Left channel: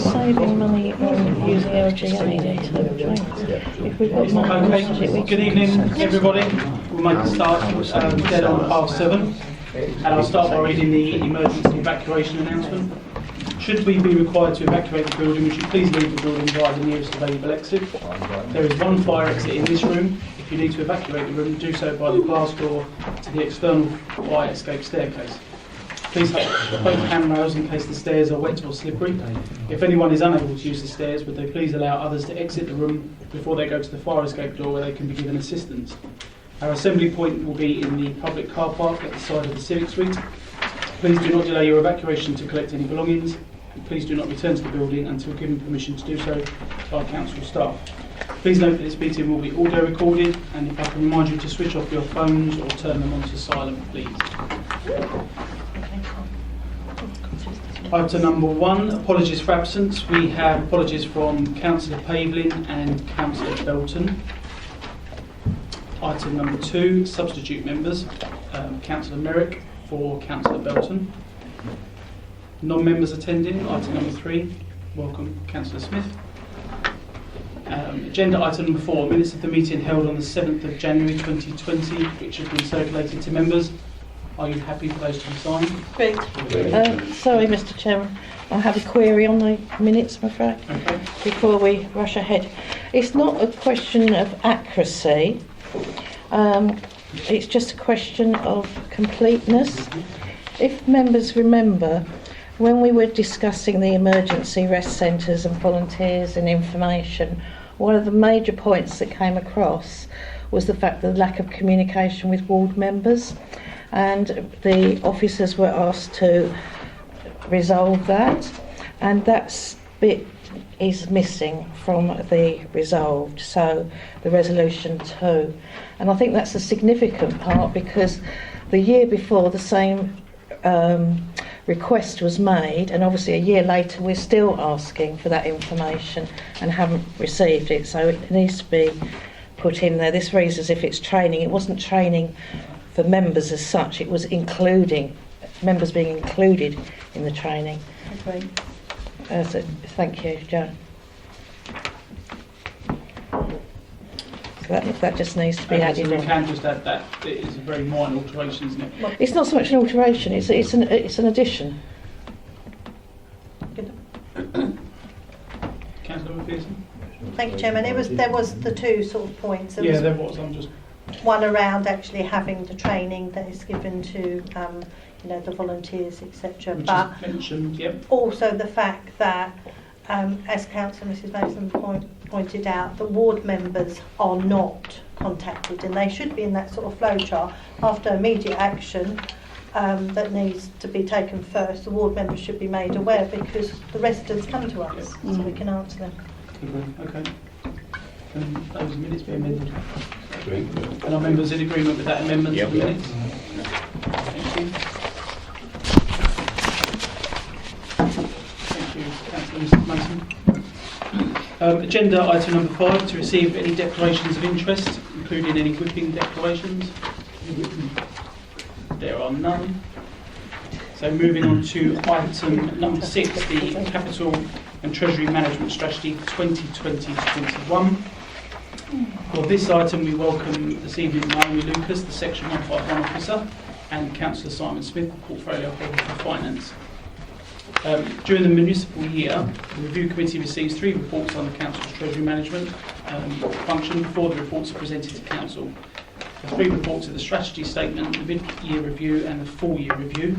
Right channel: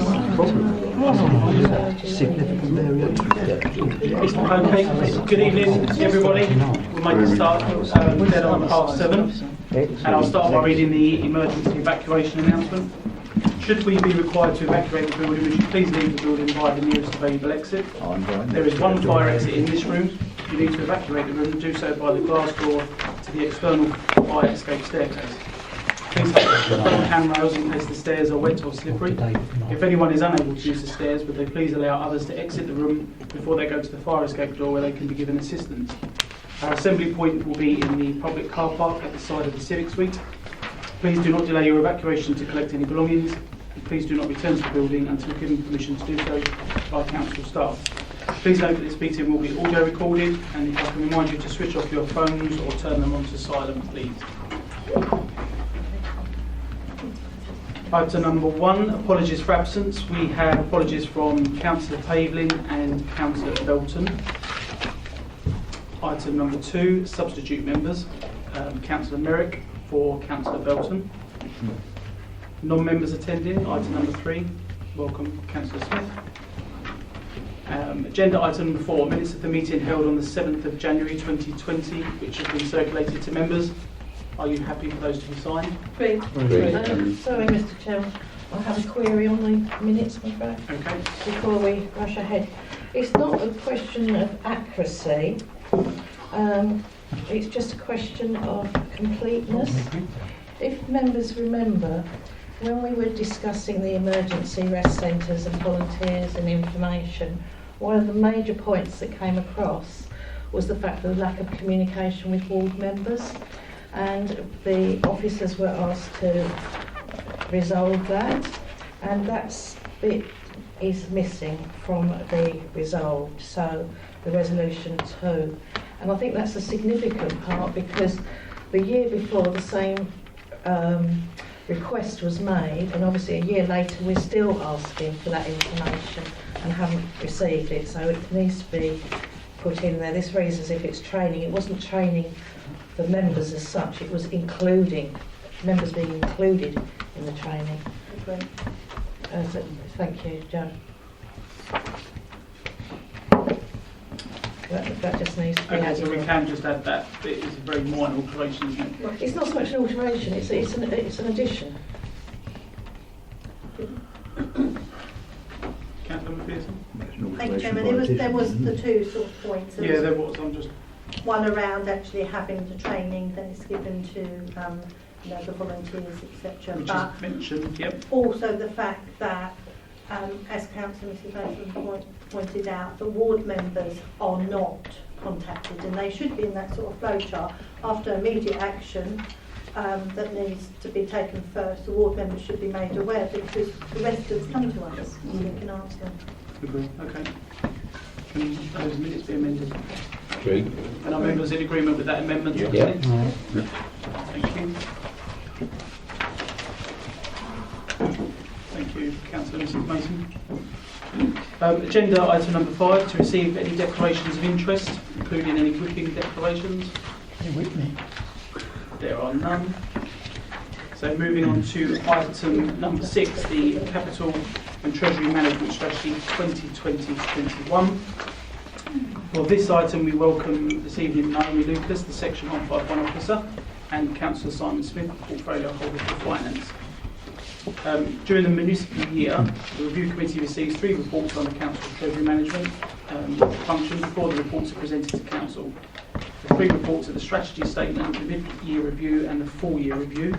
saved money on using LGA. Okay, good evening everybody. We'll make a start dead on 7:30, and I'll start by reading the emergency evacuation announcement. Should we be required to evacuate the building, would you please leave the building via the nearest available exit. There is one fire exit in this room. If you need to evacuate the room, do so by the glass door to the external fire escape staircase. Please hold handrails in case the stairs are wet or slippery. If anyone is unable to use the stairs, would they please allow others to exit the room before they go to the fire escape door where they can be given assistance. Our assembly point will be in the public car park at the side of the Civic Suite. Please do not delay your evacuation to collect any belongings. Please do not return to the building until given permission to do so by council staff. Please note that this meeting will be audio recorded, and if I can remind you to switch off your phones or turn them on to silent, please. Item number 1, apologies for absence. We have apologies from Councillor Pavlin and Councillor Belton. Item number 2, substitute members. Councillor Merrick for Councillor Belton. Non-members attending, item number 3. Welcome, Councillor Smith. Agenda item number 4, minutes of the meeting held on the 7th of January 2020, which have been circulated to members. Are you happy for those to be signed? Great. Sorry, Mr. Chairman, I have a query on the minutes, I'm afraid, Okay. before we rush ahead. It's not a question of accuracy, it's just a question of completeness. If members remember, when we were discussing the emergency rest centres and volunteers and information, one of the major points that came across was the fact of the lack of communication with ward members, and the officers were asked to resolve that, and that bit is missing from the resolved, so the resolution 2. And I think that's a significant part, because the year before the same request was made, and obviously a year later we're still asking for that information and haven't received it, so it needs to be put in there. This reads as if it's training. It wasn't training for members as such, it was including members being included in the training. Okay. So thank you, Joan. That just needs to be Okay, added so we in. can just add that. It is a very minor alteration, isn't it? It's not so much an alteration, it's an addition. Councillor McPherson? Thank you, Chairman. There was the two sort of points. Yeah, there was. I'm just... One around actually having the training that is given to the volunteers, etc. Which But is mentioned, yep. also the fact that, as Councillor Mrs Mason pointed out, that ward members are not contacted, and they should be in that sort of flow chart. After immediate action that needs to be taken first, the ward members should be made aware, because the residents come to us, so we can answer them. Okay. Can those minutes be amended? Agree. And are members in agreement with that amendment? Yep. Yeah. Thank you. Thank you, Councillor Mason. Agenda item number 5, to receive any declarations of interest, including any whipping declarations. There are none. So moving on to item number 6, the Capital and Treasury Management Strategy 2020-21. For this item, we welcome this evening Naomi Lucas, the Section 151 Officer, and Councillor Simon Smith, the Portfolio Holder for Finance. During the municipal year, the Review Committee receives 3 reports on the Council's Treasury Management function before the reports are presented to Council. The 3 reports are the Strategy Statement, the Mid-Year Review and the Full-Year Review.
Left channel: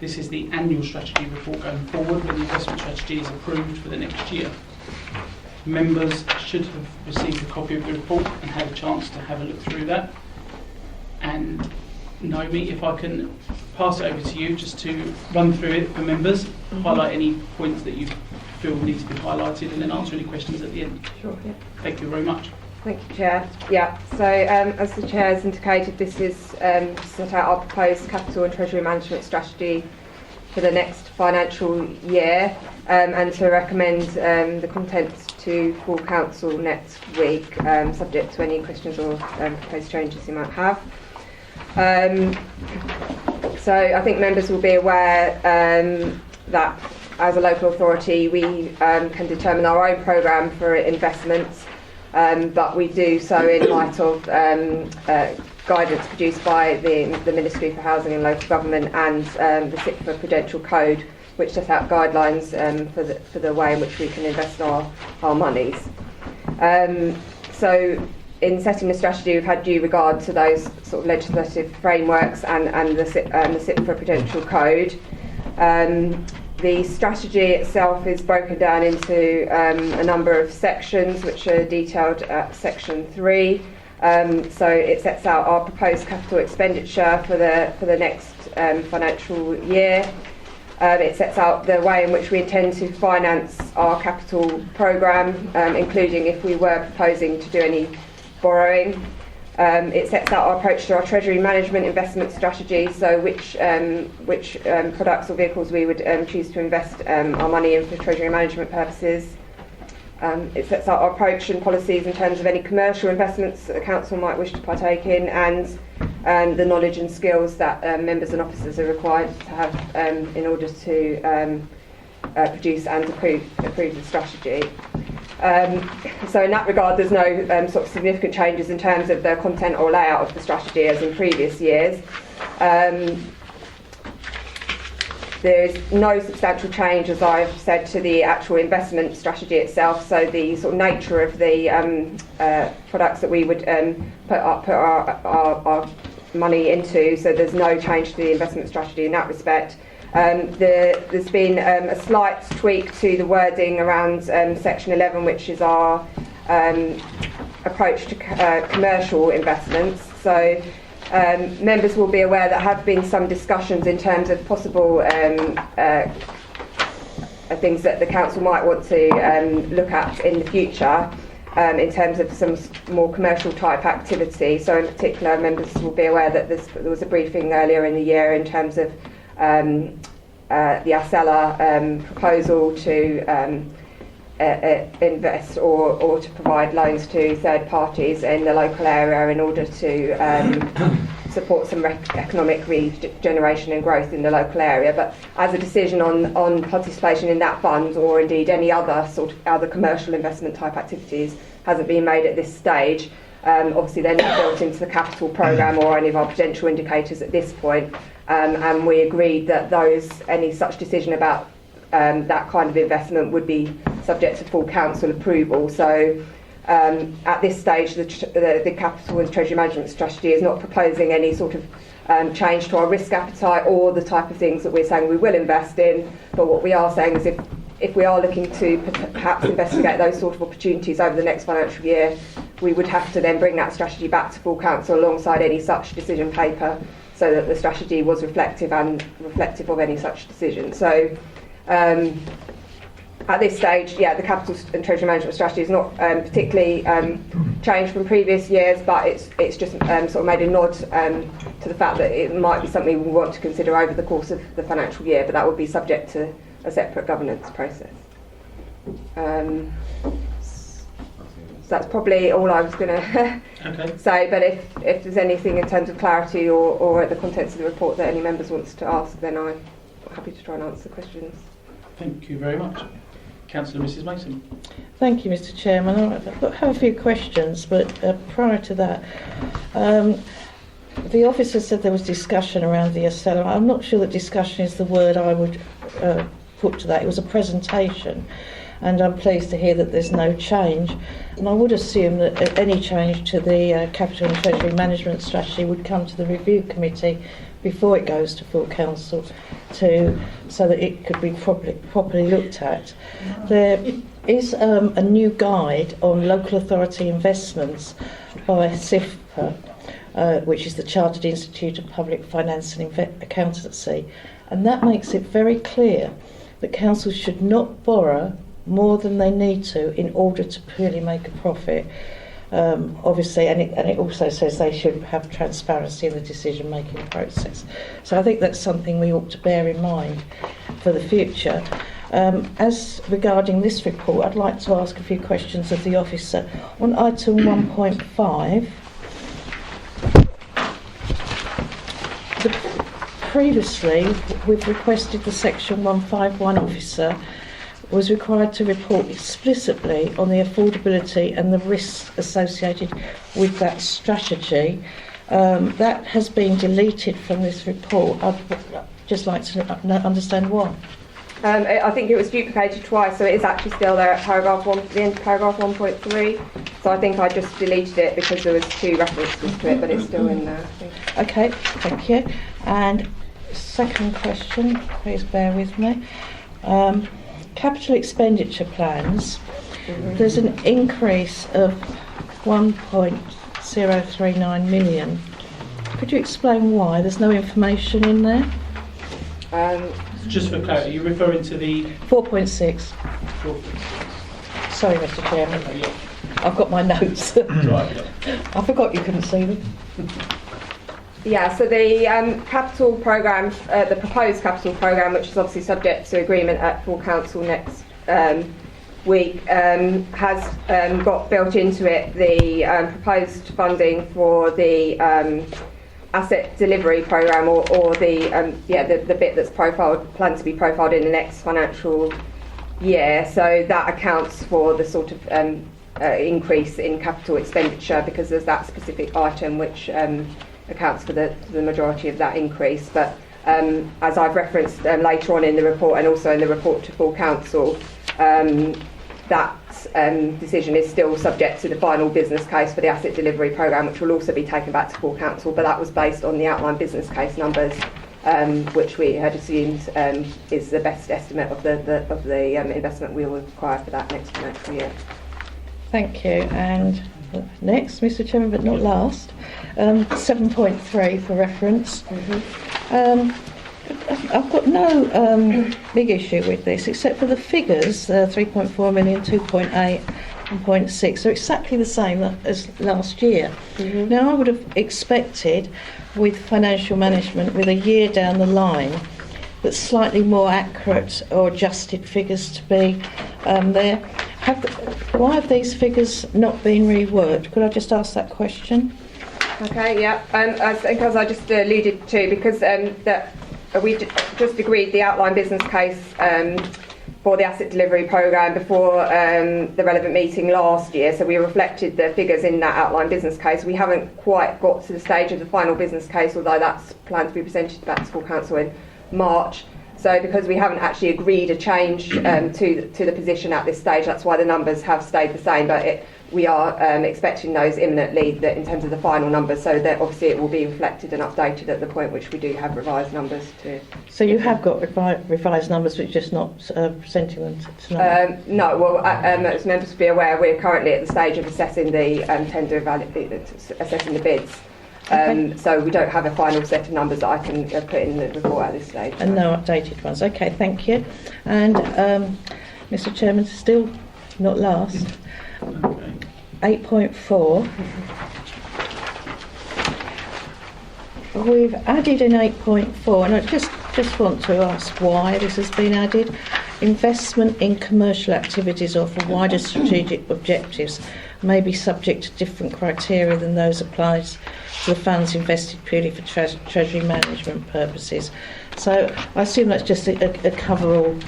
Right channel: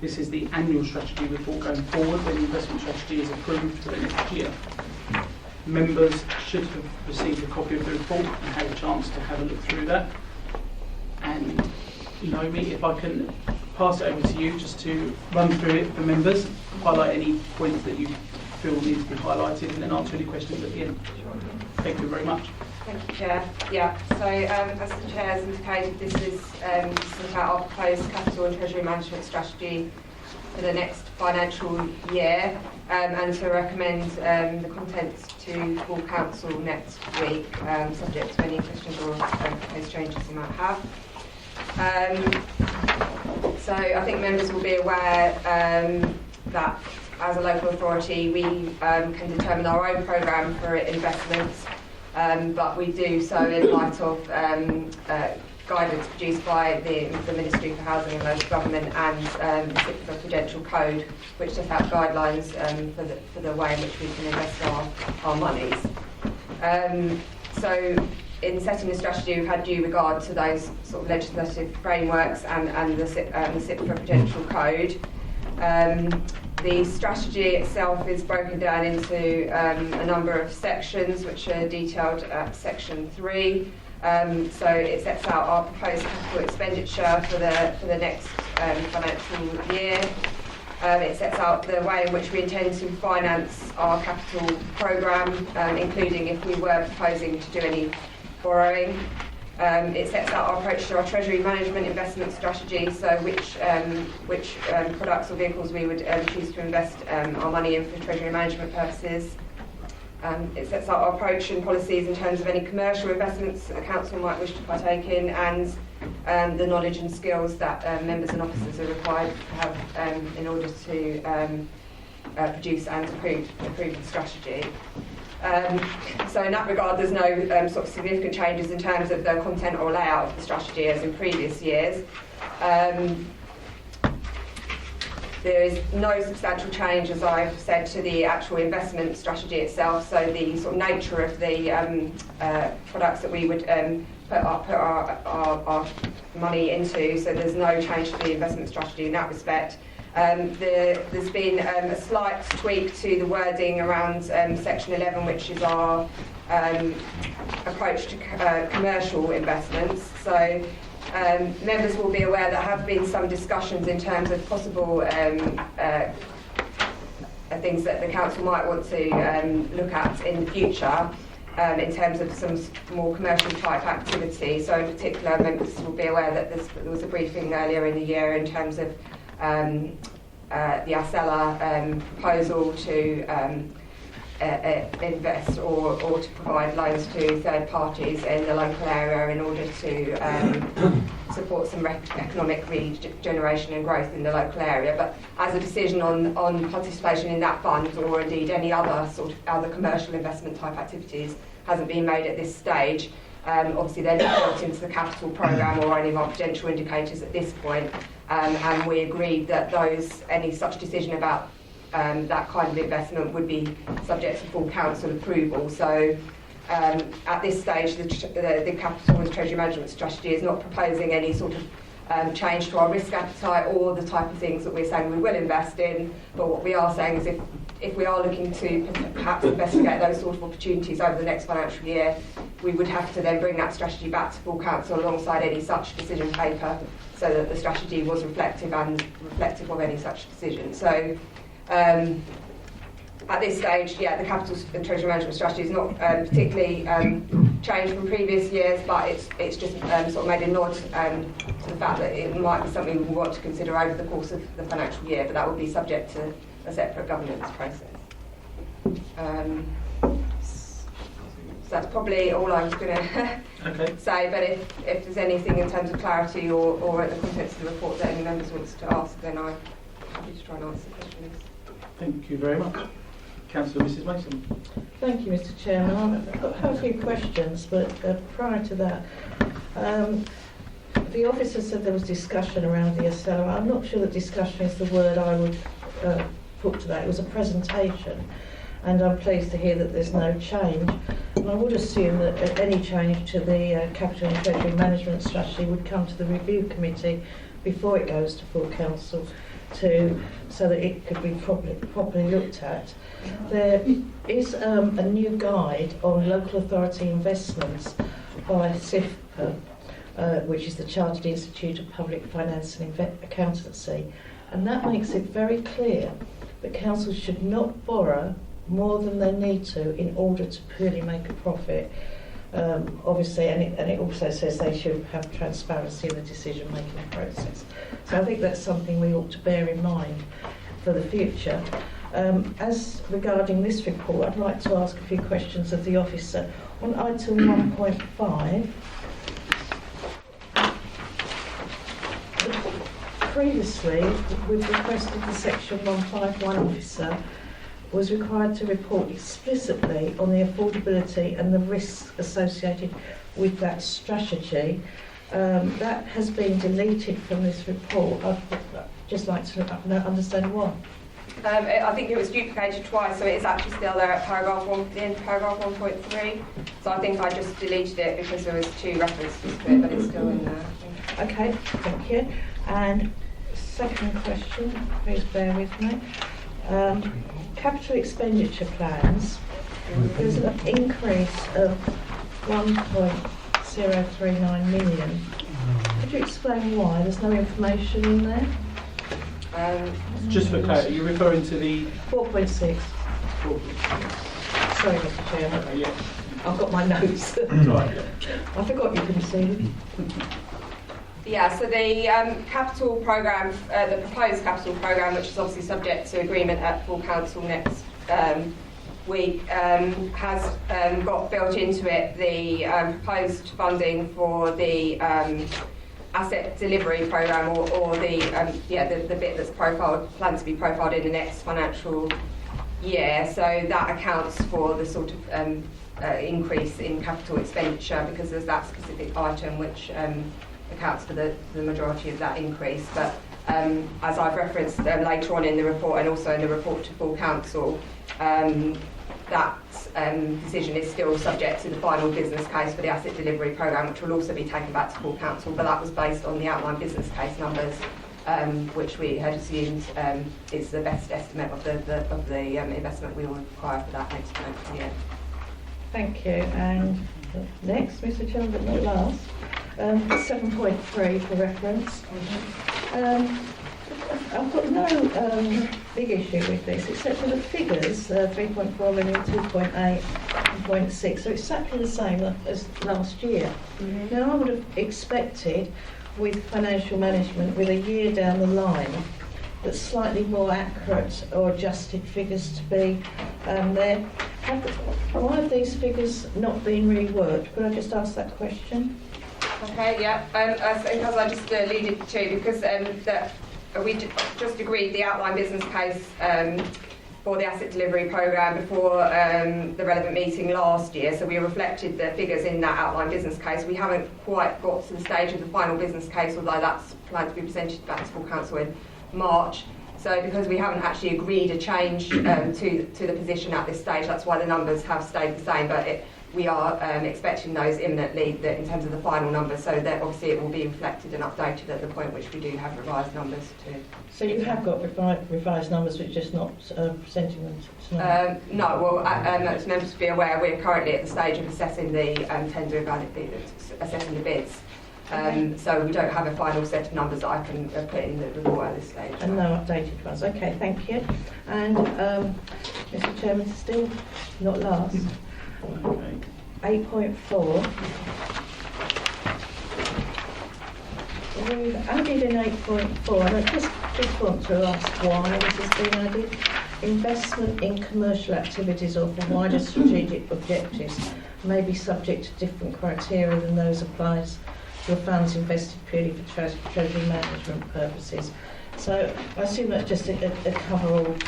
This is the annual strategy report going forward when the investment strategy is approved for the next year. Members should have received a copy of the report and had a chance to have a look through that. And Naomi, if I can pass it over to you just to run through it for members, highlight any points that you feel need to be highlighted, and then answer any questions at the end. Sure. Thank you very much. Thank you, Chair. Yeah, so as the Chair has indicated, this is to set out our proposed capital and treasury management strategy for the next financial year, and to recommend the contents to full council next week, subject to any questions or proposed changes you might have. So I think members will be aware that as a local authority, we can determine our own programme for investments, but we do so in light of guidance produced by the Ministry for Housing and Local Government and the CIPFA Prudential Code, which set out guidelines for the way in which we can invest our monies. So in setting the strategy, we've had due regard to those sort of legislative frameworks and the CIPFA Prudential Code. The strategy itself is broken down into a number of sections, which are detailed at section 3. So it sets out our proposed capital expenditure for the next financial year. It sets out the way in which we intend to finance our capital programme, including if we were proposing to do any borrowing. It sets out our approach to our treasury management investment strategy, so which products or vehicles we would choose to invest our money in for treasury management purposes. It sets out our approach and policies in terms of any commercial investments that the council might wish to partake in, and the knowledge and skills that members and officers are required to have in order to produce and approve the strategy. So in that regard, there's no sort of significant changes in terms of the content or layout of the strategy as in previous years. There is no substantial change, as I've said, to the actual investment strategy itself. So the sort of nature of the products that we would put our money into. So there's no change to the investment strategy in that respect. There's been a slight tweak to the wording around section 11, which is our approach to commercial investments. So members will be aware there have been some discussions in terms of possible things that the council might want to look at in the future in terms of some more commercial type activity. So in particular, members will be aware that there was a briefing earlier in the year in terms of the Acela proposal to invest or to provide loans to third parties in the local area in order to support some economic regeneration and growth in the local area. But as a decision on participation in that fund, or indeed any other sort of other commercial investment type activities, hasn't been made at this stage. Obviously they're not built into the capital programme or any of our potential indicators at this point, and we agreed that any such decision about that kind of investment would be subject to full council approval. So at this stage, the capital and treasury management strategy is not proposing any sort of change to our risk appetite or the type of things that we're saying we will invest in. But what we are saying is if we are looking to perhaps investigate those sort of opportunities over the next financial year, we would have to then bring that strategy back to full council alongside any such decision paper, so that the strategy was reflective of any such decision. So at this stage, the capital and treasury management strategy is not particularly changed from previous years, but it's just sort of made a nod to the fact that it might be something we want to consider over the course of the financial year, but that would be subject to a separate governance process. So that's probably all I was going to say, but if there's anything in terms of clarity or the contents of the report that any members wants to ask, then I'm happy to try and answer questions. Thank you very much. Councillor Mrs Mason. Thank you, Mr Chairman. I have a few questions, but prior to that, the officer said there was discussion around the Acela. I'm not sure that discussion is the word I would put to that. It was a presentation, and I'm pleased to hear that there's no change. And I would assume that any change to the capital and treasury management strategy would come to the review committee before it goes to full council, so that it could be properly looked at. There is a new guide on local authority investments by CIPFA, which is the Chartered Institute of Public Finance and Accountancy, and that makes it very clear that councils should not borrow more than they need to in order to purely make a profit. Obviously, and it also says they should have transparency in the decision-making process. So I think that's something we ought to bear in mind for the future. As regarding this report, I'd like to ask a few questions of the officer. On item 1.5, the previously, we've requested the Section 151 officer was required to report explicitly on the affordability and the risks associated with that strategy. That has been deleted from this report. I'd just like to understand why. I think it was duplicated twice, so it is actually still there at paragraph 1, the end of paragraph 1.3. So I think I just deleted it because there was 2 references to it, but it's still in there, I think. Okay, thank you. And second question, please bear with me. Capital expenditure plans. There's an increase of 1.039 million. Could you explain why? There's no information in there. Just for clarity, you're referring to the 4.6. Sorry, Mr. Chairman. I've got my notes. I forgot you couldn't see them. Yeah, so the capital programme, the proposed capital programme, which is obviously subject to agreement at full council next week, has got built into it the proposed funding for the asset delivery programme, or the bit that's planned to be profiled in the next financial year. So that accounts for the sort of increase in capital expenditure, because there's that specific item which accounts for the majority of that increase. But as I've referenced later on in the report, and also in the report to full council, that decision is still subject to the final business case for the asset delivery programme, which will also be taken back to full council. But that was based on the outline business case numbers, which we had assumed is the best estimate of the investment we will require for that next financial year. Thank you. And next, Mr. Chairman, but not last, 7.3 for reference. I've got no big issue with this, except for the figures, 3.4 million, 2.8 and 0.6. They're exactly the same as last year. Now, I would have expected, with financial management, with a year down the line, that slightly more accurate or adjusted figures to be there. Why have these figures not been reworked? Could I just ask that question? Okay, yeah. I think, as I just alluded to, because we just agreed the outline business case for the asset delivery programme before the relevant meeting last year, so we reflected the figures in that outline business case. We haven't quite got to the stage of the final business case, although that's planned to be presented back to full council in March. So because we haven't actually agreed a change to the position at this stage, that's why the numbers have stayed the same. But we are expecting those imminently, that in terms of the final numbers, so that obviously it will be reflected and updated at the point which we do have revised numbers to. So you have got revised numbers, but just not presenting them tonight? No, well, as members will be aware, we're currently at the stage of assessing the assessing the bids. Okay. So we don't have a final set of numbers that I can put in the report at this stage. And no updated ones. Okay, thank you. And Mr. Chairman, still not last, 8.4. We've added in 8.4, and I just want to ask why this has been added. Investment in commercial activities or for wider strategic objectives may be subject to different criteria than those applied to the funds invested purely for treasury management purposes. So I assume that's just a cover-all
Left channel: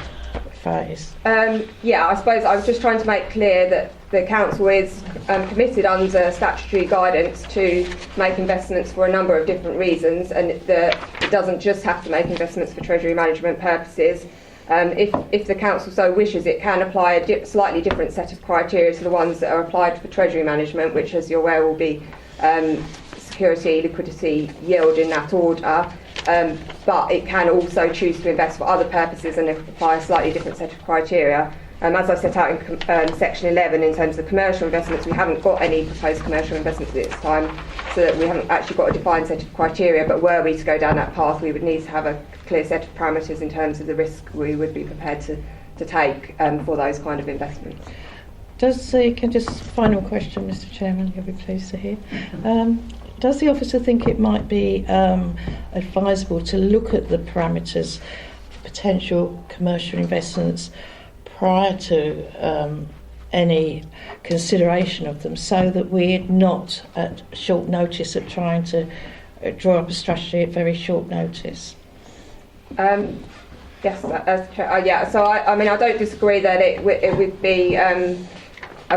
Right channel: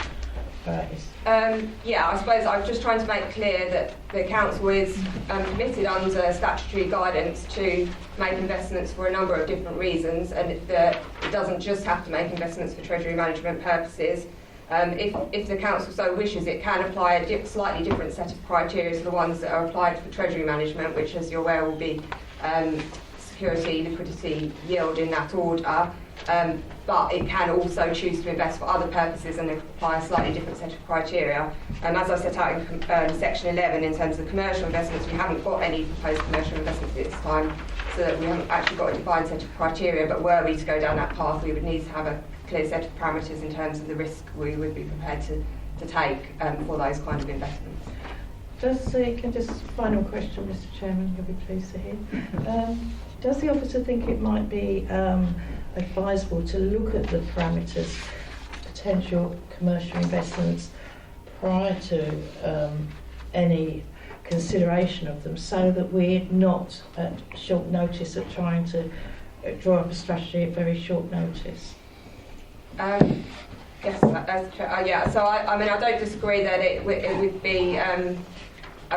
phrase. Yeah, I suppose I was just trying to make clear that the council is committed under statutory guidance to make investments for a number of different reasons, and it doesn't just have to make investments for treasury management purposes. If the council so wishes, it can apply a slightly different set of criteria to the ones that are applied for treasury management, which, as you're aware, will be security, liquidity, yield in that order. But it can also choose to invest for other purposes and apply a slightly different set of criteria. As I set out in section 11, in terms of commercial investments, we haven't got any proposed commercial investments at this time, so that we haven't actually got a defined set of criteria. But were we to go down that path, we would need to have a clear set of parameters in terms of the risk we would be prepared to take for those kind of investments. Final question, Mr. Chairman, you'll be pleased to hear. Does the officer think it might be advisable to look at the parameters, potential commercial investments, prior to any consideration of them, so that we're not at short notice of trying to draw up a strategy at very short notice? Yes, yeah. So I mean, I don't disagree that it would be a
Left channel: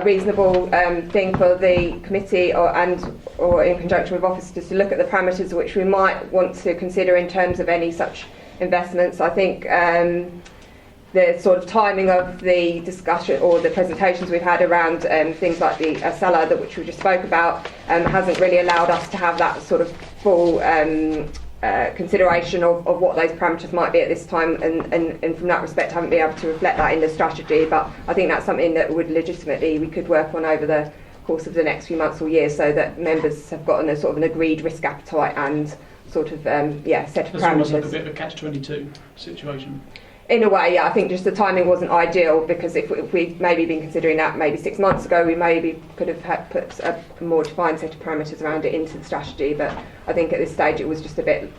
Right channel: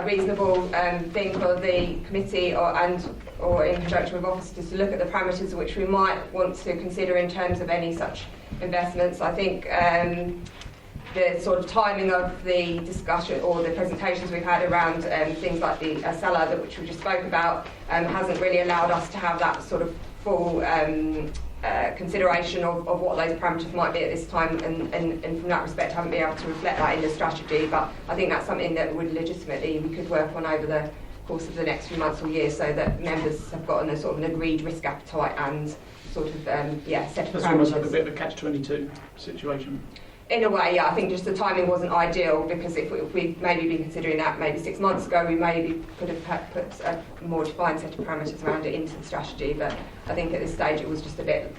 reasonable thing for the committee or in conjunction with officers to look at the parameters which we might want to consider in terms of any such investments. I think the sort of timing of the discussion or the presentations we've had around things like the cellar which we just spoke about hasn't really allowed us to have that sort of full consideration of what those parameters might be at this time, and from that respect haven't been able to reflect that in the strategy. But I think that's something that we could work on over the course of the next few months or years, so that members have gotten a sort of an agreed risk appetite and sort of set of parameters. That's almost like a bit of a catch-22 situation. In a way, yeah. I think just the timing wasn't ideal, because if we'd maybe been considering that maybe 6 months ago, we maybe could have put a more defined set of parameters around it into the strategy. But I think at this stage it was just a bit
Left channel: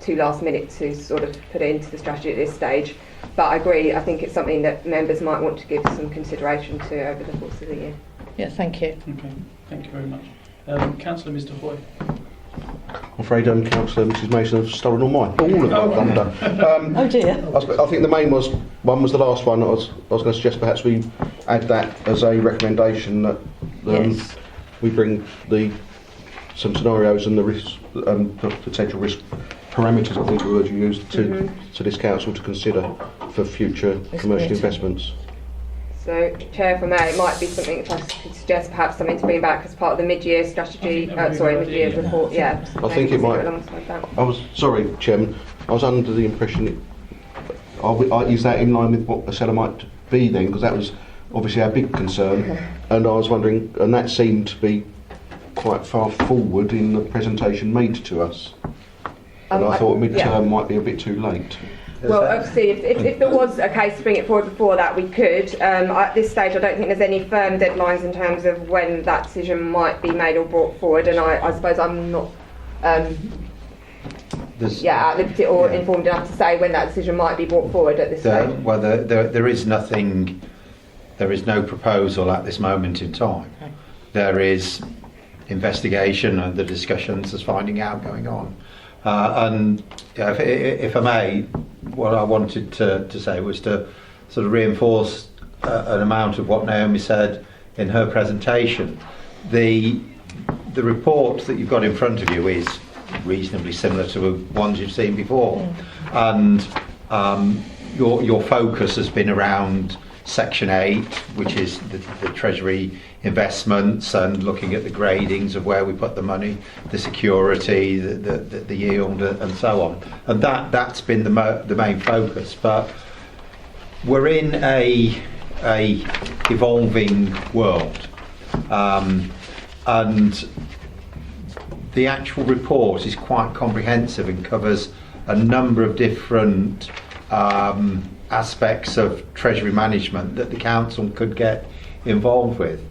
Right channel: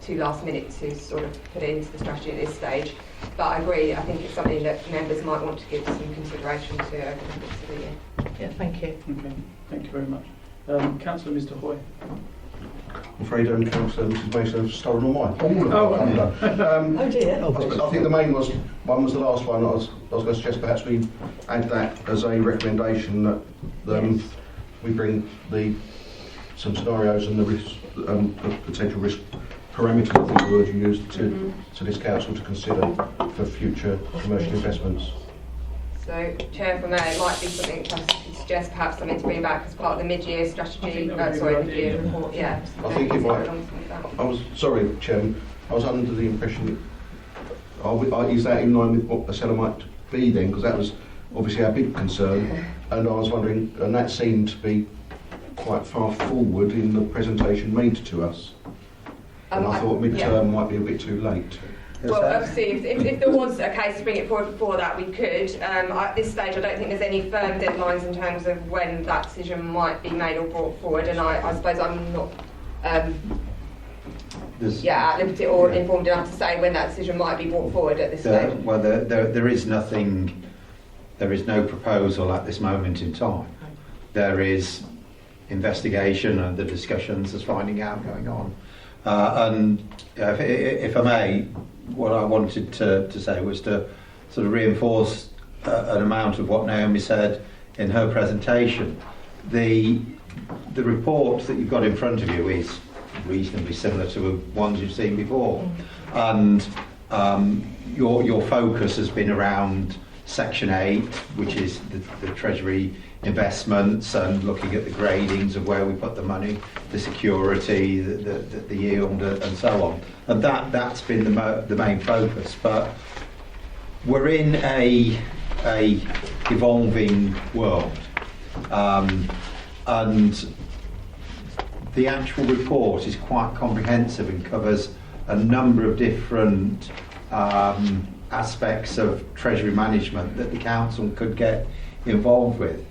too last minute to sort of put it into the strategy at this stage. But I agree, I think it's something that members might want to give some consideration to over the course of the year. Yeah, thank you. Okay, thank you very much. Councillor Mr Hoy. I'm afraid Councillor Mrs Mason has stolen all of my thunder. Oh dear. I think the main one was the last one. I was going to suggest perhaps we add that as a recommendation that Yes. we bring some scenarios and the risk, the potential risk parameters, I think the word you used, to this council to consider for future commercial investments. So, Chair, if I may, it might be something I could suggest, perhaps something to bring back as part of the mid-year strategy, mid-year report, yeah. I think it might. Alongside that. I was sorry, Chairman. I was under the impression. Is that in line with what the cellar might be then? Because that was obviously our big concern, and I was wondering, and that seemed to be quite far forward in the presentation made to us. And I thought mid-term might be a bit too late. Well, obviously, if there was a case to bring it forward before that, we could. At this stage, I don't think there's any firm deadlines in terms of when that decision might be made or brought forward, and I suppose I'm not at liberty or informed enough to say when that decision might be brought forward at this stage. Well, there is nothing, there is no proposal at this moment in time. There is investigation and the discussions, there's finding out going on. And if I may, what I wanted to say was to sort of reinforce an amount of what Naomi said in her presentation. The report that you've got in front of you is reasonably similar to the ones you've seen before, and your focus has been around Section 8, which is the Treasury investments, and looking at the gradings of where we put the money, the security, the yield, and so on. And that's been the main focus. But we're in a evolving world, and the actual report is quite comprehensive and covers a number of different aspects of Treasury management that the council could get involved with.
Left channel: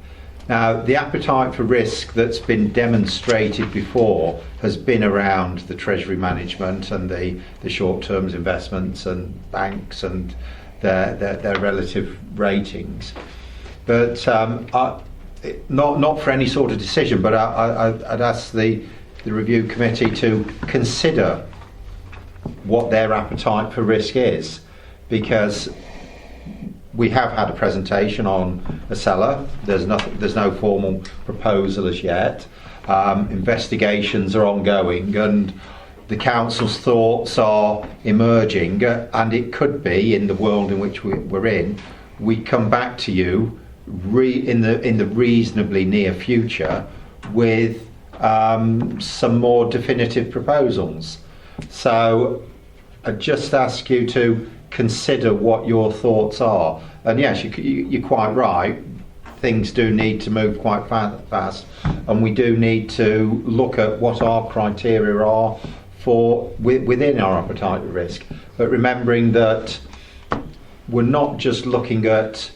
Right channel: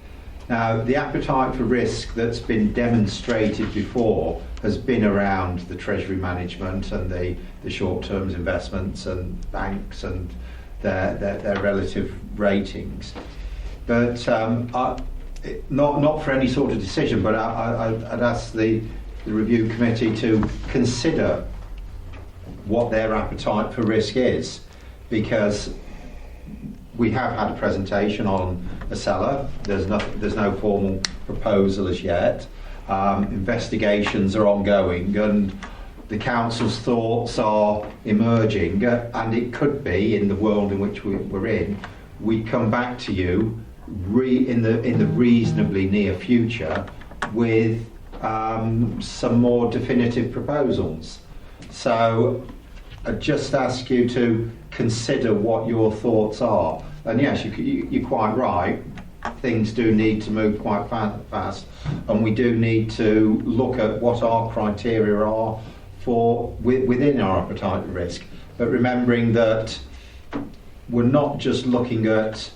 Now, the appetite for risk that's been demonstrated before has been around the Treasury management and the short-term investments and banks and their relative ratings. But not for any sort of decision, but I'd ask the review committee to consider what their appetite for risk is, because we have had a presentation on a cellar. There's no formal proposal as yet. Investigations are ongoing, and the council's thoughts are emerging. And it could be, in the world in which we're in, we come back to you in the reasonably near future with some more definitive proposals. So I just ask you to consider what your thoughts are. And yes, you're quite right, things do need to move quite fast, and we do need to look at what our criteria are for within our appetite risk. But remembering that we're not just looking at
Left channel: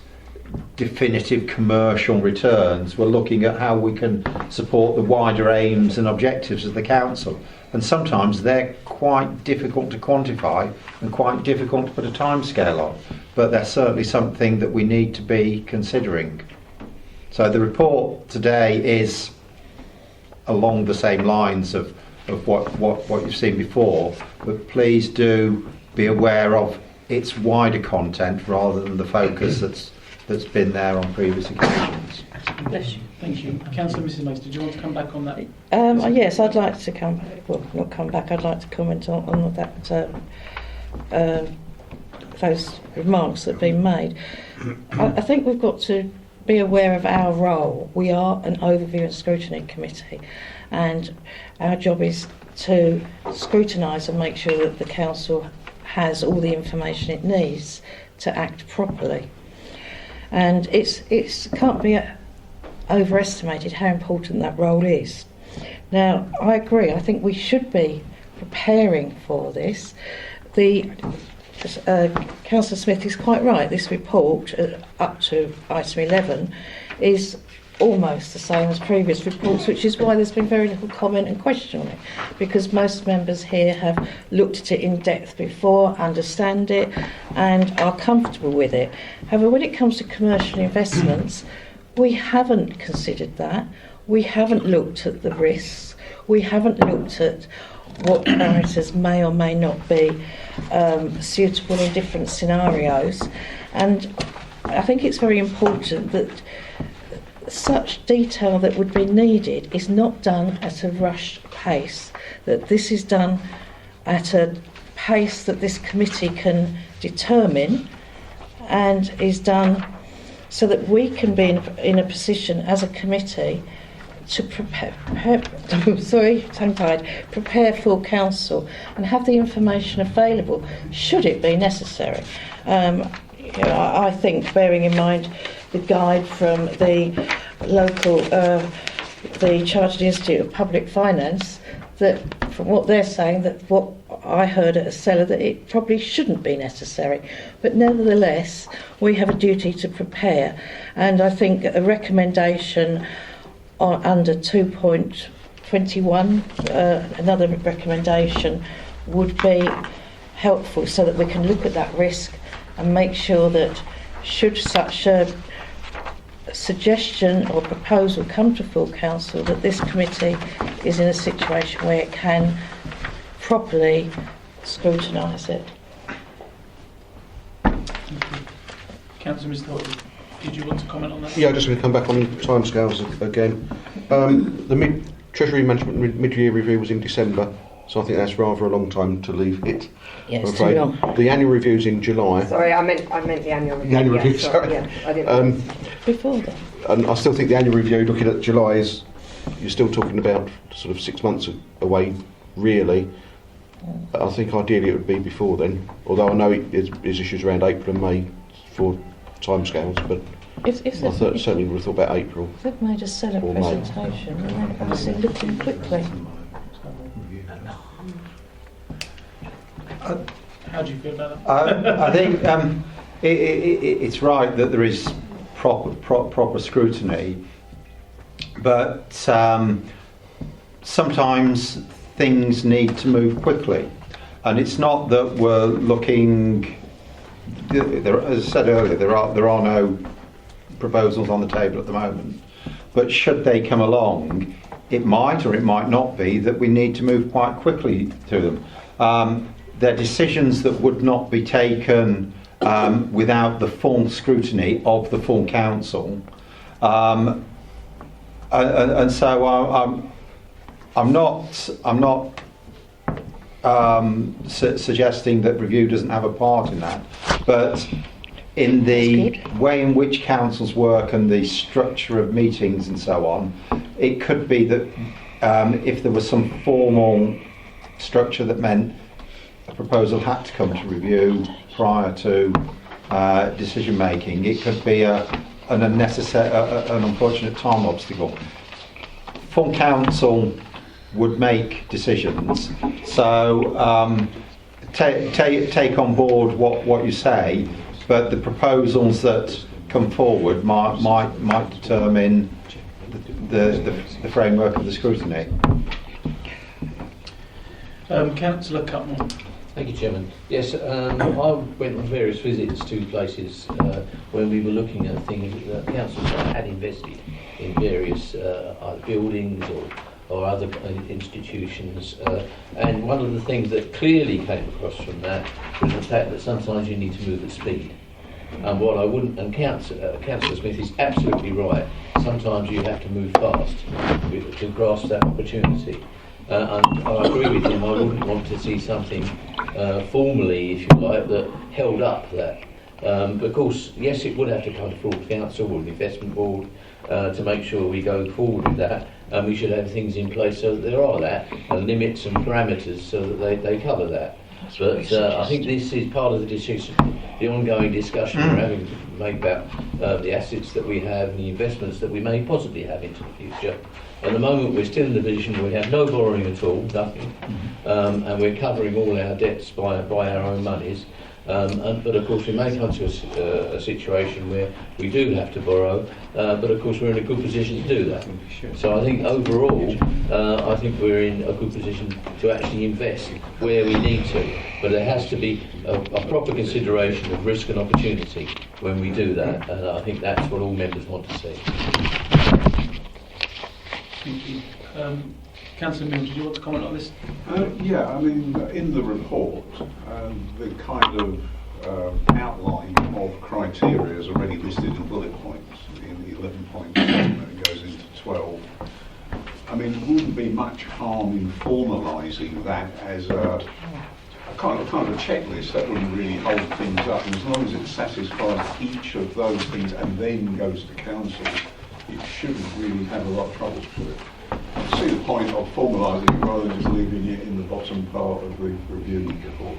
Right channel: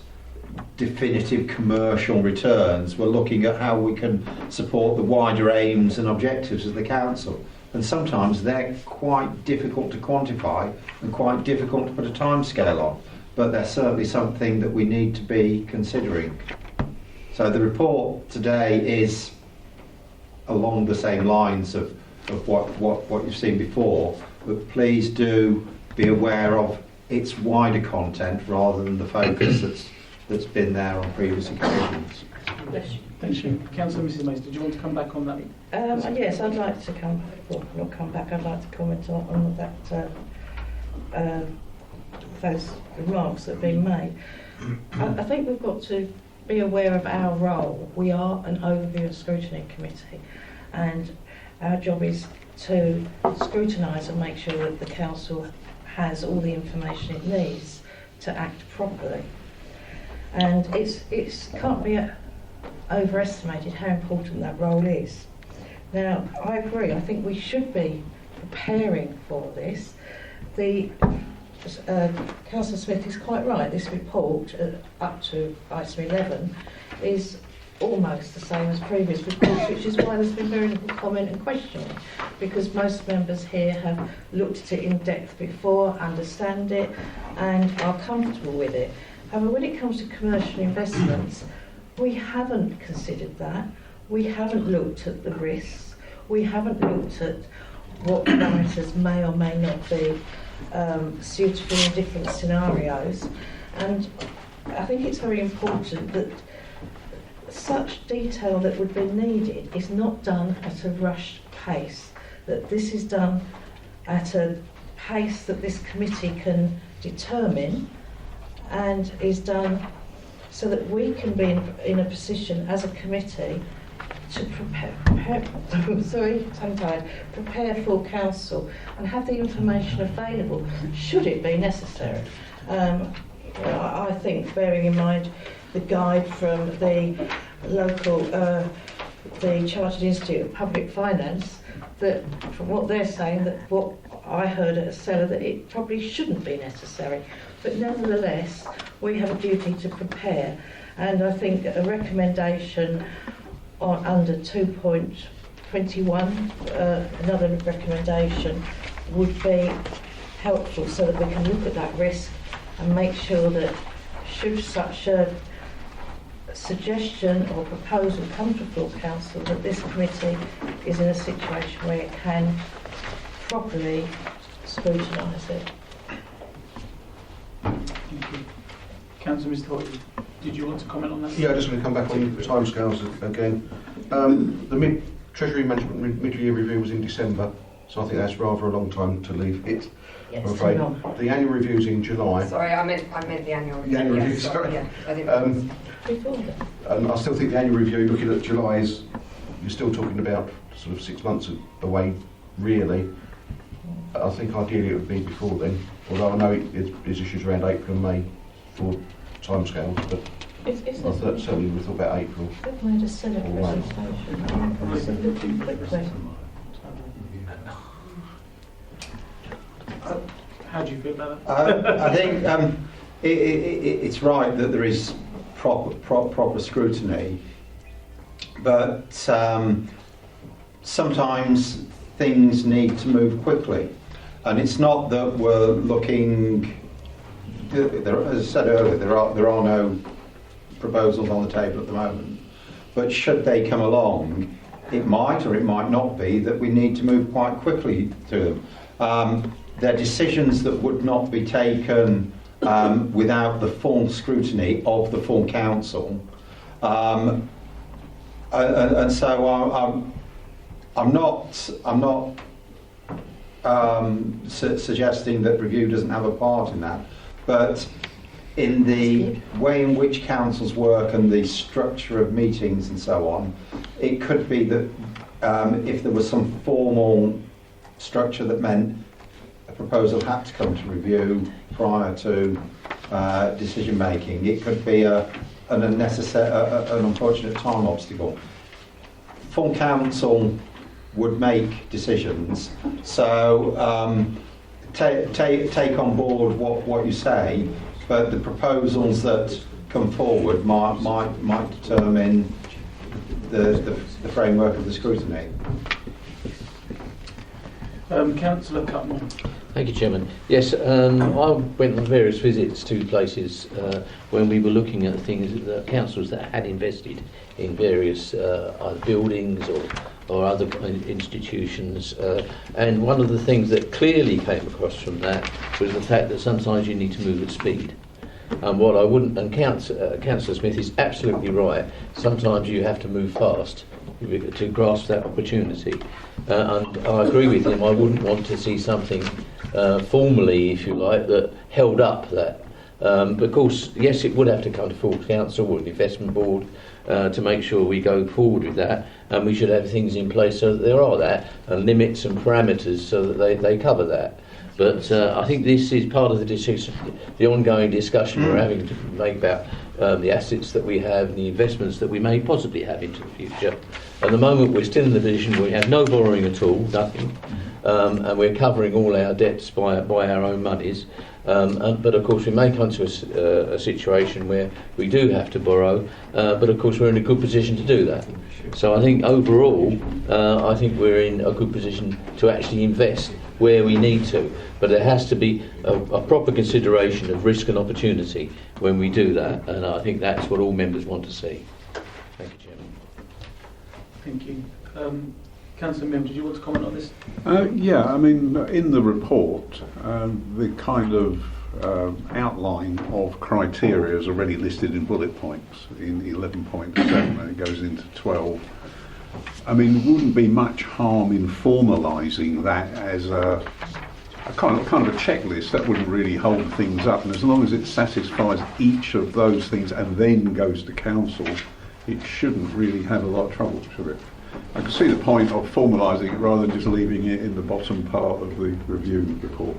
definitive commercial returns, we're looking at how we can support the wider aims and objectives of the council. And sometimes they're quite difficult to quantify and quite difficult to put a timescale on, but they're certainly something that we need to be considering. So the report today is along the same lines of what you've seen before, but please do be aware of its wider content rather than the focus that's been there on previous occasions. Bless you. Thank you. Councillor Mrs. Mace, did you want to come back on that? Yes, I'd like to not come back, I'd like to comment on that, those remarks that have been made. I think we've got to be aware of our role. We are an overview and scrutiny committee, and our job is to scrutinise and make sure that the council has all the information it needs to act properly. And it can't be overestimated how important that role is. Now, I agree, I think we should be preparing for this. Councillor Smith is quite right, this report, up to item 11, is almost the same as previous reports, which is why there's been very little comment and questioning, because most members here have looked at it in depth before, understand it, and are comfortable with it. However, when it comes to commercial investments, we haven't considered that. We haven't looked at the risks. We haven't looked at what parameters may or may not be suitable in different scenarios. And I think it's very important that such detail that would be needed is not done at a rushed pace, that this is done at a pace that this committee can determine, and is done so that we can be in a position as a committee to prepare full council and have the information available should it be necessary. I think, bearing in mind the guide from the local, the Chartered Institute of Public Finance, that from what they're saying, that what I heard at a cellar, that it probably shouldn't be necessary. But nevertheless, we have a duty to prepare, and I think a recommendation under 2.21, another recommendation would be helpful, so that we can look at that risk and make sure that should such a suggestion or proposal come to full council, that this committee is in a situation where it can properly scrutinise it. Thank you. Councillor Mr. Horton, did you want to comment on that? Yeah, just going to come back on timescales again. The Treasury Management mid-year review was in December, so I think that's rather a long time to leave it. Yes, I'm afraid. The annual review's in July. Sorry, I meant the annual review. The annual yeah, review, sorry. Yeah, I didn't. Before that. And I still think the annual review, looking at July, is you're still talking about sort of 6 months away, really. I think ideally it would be before then, although I know there's issues around April and May for timescales, but I certainly would have thought about April. They've made a stellar Or May. presentation. They're obviously looking quickly. How do you feel about that? I think it's right that there is proper scrutiny, but sometimes things need to move quickly, and it's not that we're looking. As I said earlier, there are no proposals on the table at the moment, but should they come along, it might or it might not be that we need to move quite quickly through them. They're decisions that would not be taken without the full scrutiny of the full council, and so I'm not suggesting that review doesn't have a part in that, but in the way in which councils work and the structure of meetings and so on, it could be that if there was some formal structure that meant a proposal had to come to review prior to decision making, it could be an unfortunate time obstacle. Full council would make decisions, so take on board what you say, but the proposals that come forward might determine the framework of the scrutiny. Councillor Cutmore. Thank you, Chairman. Yes, I went on various visits to places when we were looking at things that councils had invested in various either buildings or other institutions. And one of the things that clearly came across from that was the fact that sometimes you need to move at speed. And what I wouldn't, and Councillor Smith is absolutely right, sometimes you have to move fast to grasp that opportunity. And I agree with him, I wouldn't want to see something formally, if you like, that held up that. But of course, yes, it would have to come to full council or the investment board to make sure we go forward with that, and we should have things in place so that there are that, and limits and parameters so that they cover that. But I think this is part of the decision, the ongoing discussion we're having to make about the assets that we have, the investments that we may possibly have into the future. At the moment, we're still in the position where we have no borrowing at all, nothing, and we're covering all our debts by our own monies. But of course we may come to a situation where we do have to borrow, but of course we're in a good position to do that. So I think overall, I think we're in a good position to actually invest where we need to. But there has to be a proper consideration of risk and opportunity when we do that, and I think that's what all members want to see. Thank you. Councillor Mills, do you want to comment on this? Yeah, I mean, in the report, the kind of outline of criteria is already listed in bullet points in 11.7 and it goes into 12. I mean, there wouldn't be much harm in formalising that as a kind of a checklist that wouldn't really hold things up, and as long as it satisfies each of those things and then goes to council, it shouldn't really have a lot of trouble, should it? I can see the point of formalising it rather than just leaving it in the bottom part of the review report,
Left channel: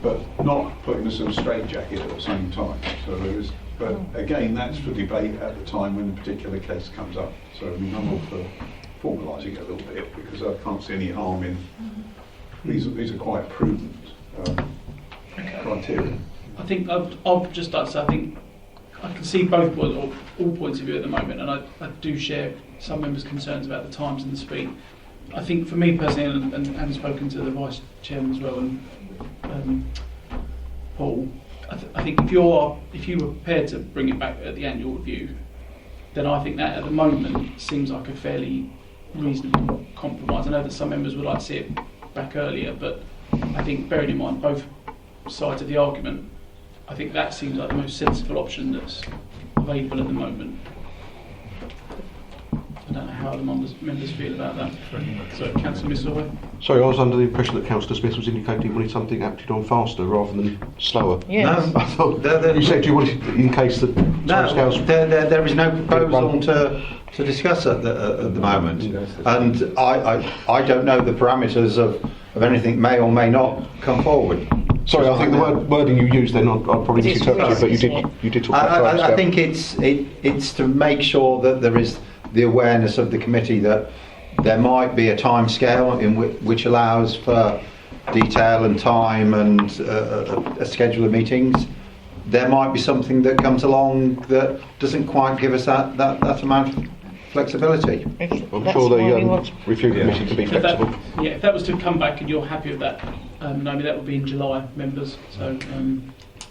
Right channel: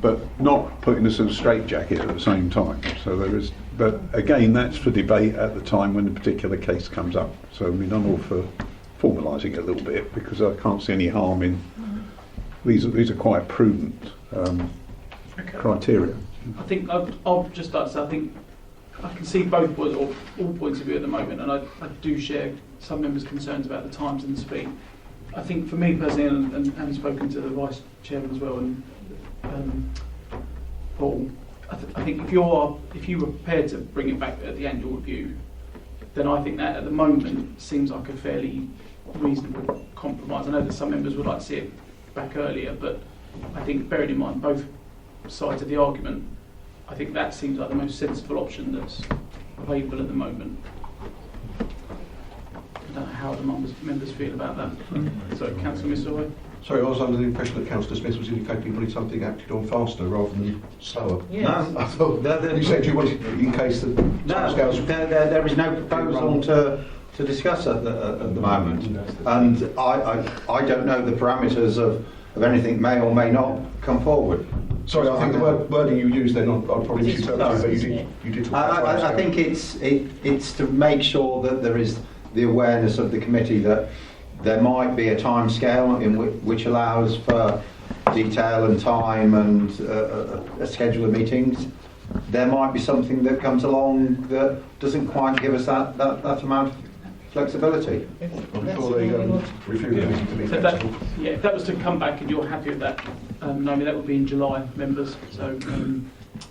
but not putting us in a straitjacket at the same time. So there is, but again, that's for debate at the time when the particular case comes up. So I mean, I'm all for formalising it a little bit because I can't see any harm in these are quite prudent criteria. I think I'll just like to say, I think I can see both or all points of view at the moment, and I do share some members' concerns about the times and the speed. I think for me personally, and having spoken to the Vice Chairman as well, and Paul, I think if you were prepared to bring it back at the annual review, then I think that at the moment seems like a fairly reasonable compromise. I know that some members would like to see it back earlier, but I think bearing in mind both sides of the argument, I think that seems like the most sensible option that's available at the moment. I don't know how the members feel about that. So, Councillor Missouri. Sorry, I was under the impression that Councillor Smith was indicating he wanted something acted on faster rather than slower. Yes. I thought you said you wanted, in case the timescales. There is no proposal to discuss at the moment, and I don't know the parameters of anything may or may not come forward. Sorry, I think the wording you used then I'll probably misinterpret, but you did talk about I think it's to make sure that there is the awareness of the committee that there might be a time scale in which allows for detail and time and a schedule of meetings. There might be something that comes along that doesn't quite give us that amount of flexibility. I'm sure the review committee can be flexible. If that was to come back and you're happy with that, maybe that would be in July, members. So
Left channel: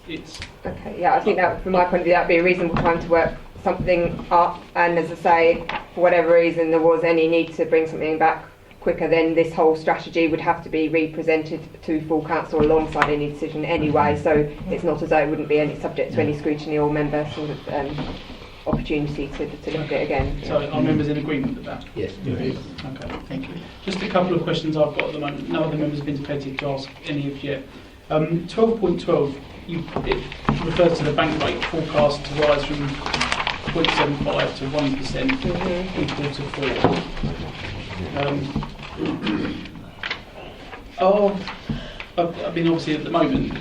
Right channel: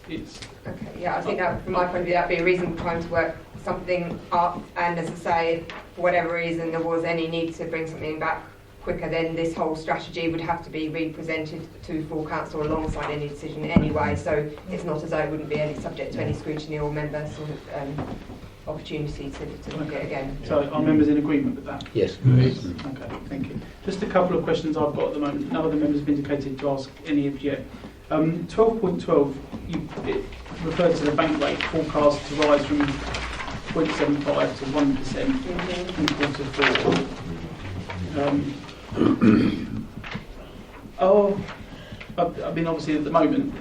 it's okay. Yeah, I think that from my point of view, that'd be a reasonable time to work something up. And as I say, for whatever reason there was any need to bring something back quicker, then this whole strategy would have to be re-presented to full council alongside any decision anyway. So it's not as though it wouldn't be any subject to any scrutiny or member sort of opportunity to look at it again. So are members in agreement with that? Yes. Okay, thank you. Just a couple of questions I've got at the moment. No other members have indicated to ask any of you. 12.12, it refers to the bank rate forecast to rise from 0.75 to 1% in quarter 4. I mean, obviously at the moment,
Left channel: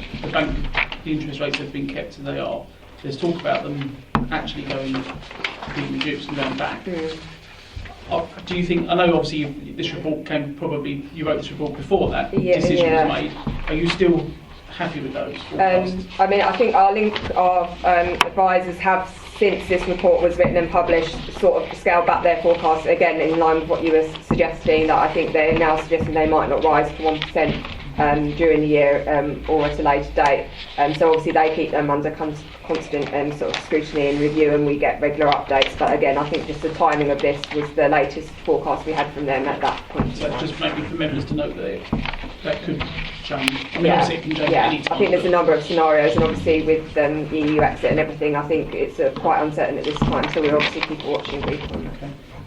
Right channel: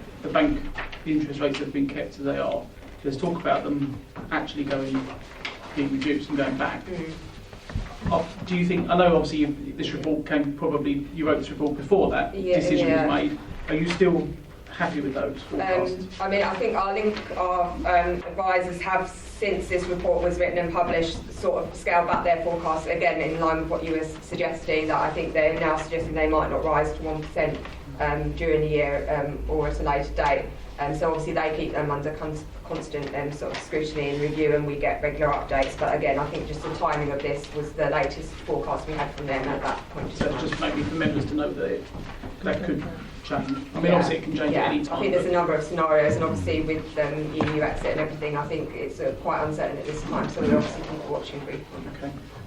the interest rates have been kept as they are. There's talk about them actually being reduced and going back. Do you think, I know obviously this report you wrote this report before that decision was made. Are you still happy with those forecasts? I mean, I think our advisors have, since this report was written and published, sort of scaled back their forecasts again in line with what you were suggesting, that I think they're now suggesting they might not rise to 1%. during the year or at a later date. So obviously they keep them under constant sort of scrutiny and review, and we get regular updates. But again, I think just the timing of this was the latest forecast we had from them at that point. So just maybe for members to note that that could change. I mean, Yeah, obviously it can change yeah. at any time. I think there's a number of scenarios, and obviously with EU exit and everything, I think it's quite uncertain at this time. So we obviously keep watching briefly.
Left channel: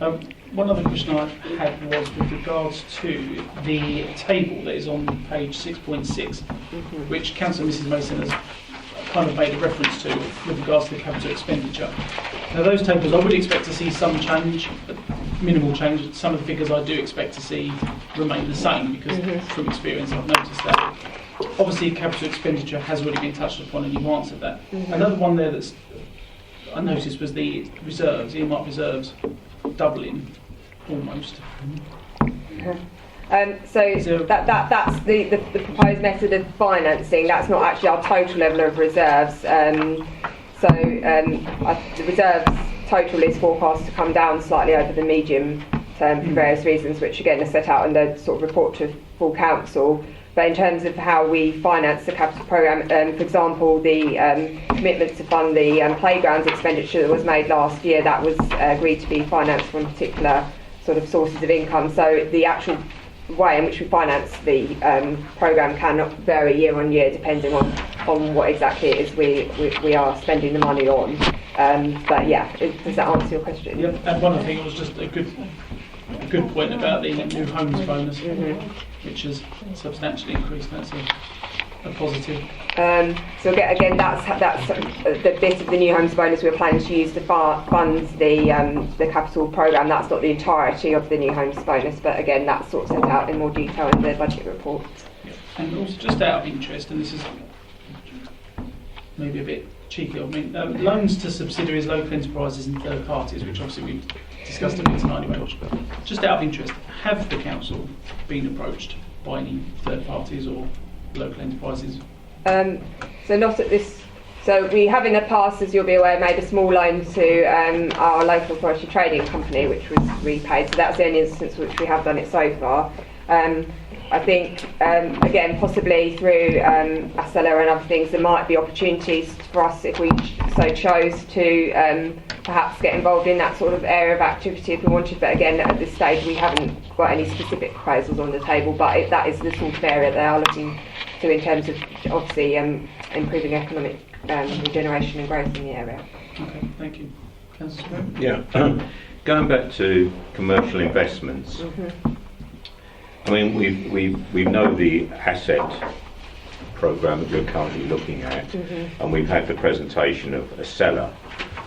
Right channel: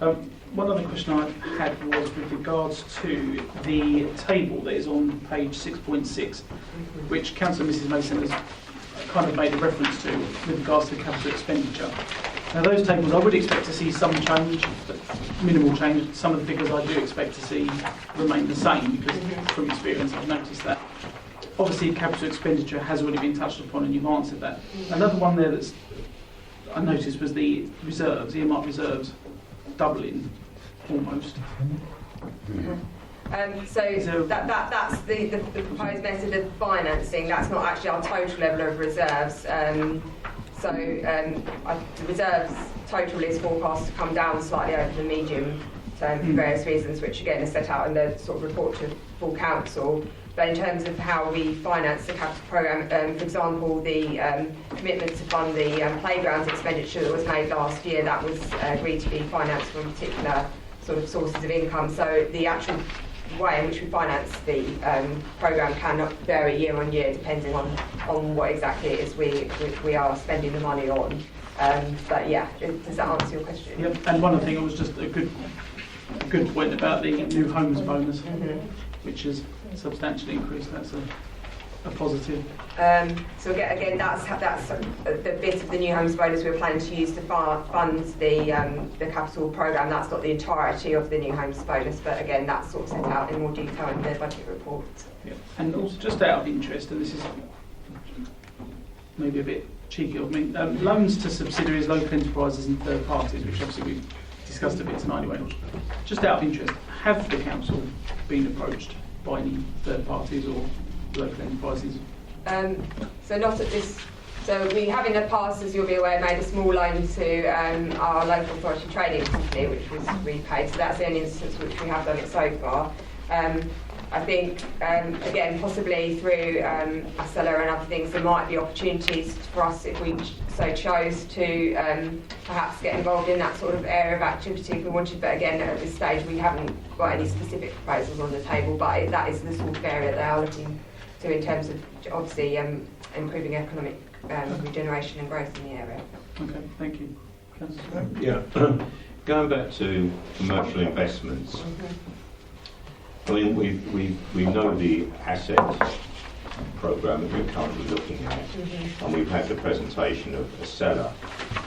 Okay. One other question I had was with regards to the table that is on page 6.6, which Councillor Mrs Mason has kind of made a reference to with regards to the capital expenditure. Now those tables, I would expect to see some change, minimal change. Some of the figures I do expect to see remain the same because from experience I've noticed that. Obviously capital expenditure has already been touched upon and you've answered that. Another one there that's I noticed was the reserves, earmarked reserves, doubling almost. So that's the proposed method of financing. That's not actually our total level of reserves. The reserves total is forecast to come down slightly over the medium term for various reasons, which again are set out in the sort of report to full council. But in terms of how we finance the capital programme, for example, the commitment to fund the playgrounds expenditure that was made last year, that was agreed to be financed from particular sort of sources of income. So the actual way in which we finance the programme can vary year on year depending on what exactly it is we are spending the money on. But yeah, does that answer your question? Yeah, and one other thing was just a good point about the new homes bonus, which has substantially increased. That's a positive. So again, that's the bit of the new homes bonus we're planning to use to fund the capital programme. That's not the entirety of the new homes bonus, but again, that's sort of set out in more detail in the budget report. Yeah. And also, just out of interest, and this is maybe a bit cheeky of me, loans to subsidiaries, local enterprises and third parties, which obviously we've discussed a bit tonight anyway. Just out of interest, have the council been approached by any third parties or local enterprises? So not at this. So we have in the past, as you'll be aware, made a small loan to our local authority trading company, which was repaid. So that's the only instance which we have done it so far. I think, again, possibly through ASELA and other things, there might be opportunities for us if we so chose to perhaps get involved in that sort of area of activity if we wanted. But again, at this stage, we haven't got any specific proposals on the table. But that is the sort of area they are looking to in terms of obviously improving economic regeneration and growth in the area. Okay, thank you. Councillor? Yeah, going back to commercial investments. I mean, we know the asset programme that we're currently looking at, and we've had the presentation of ASELA.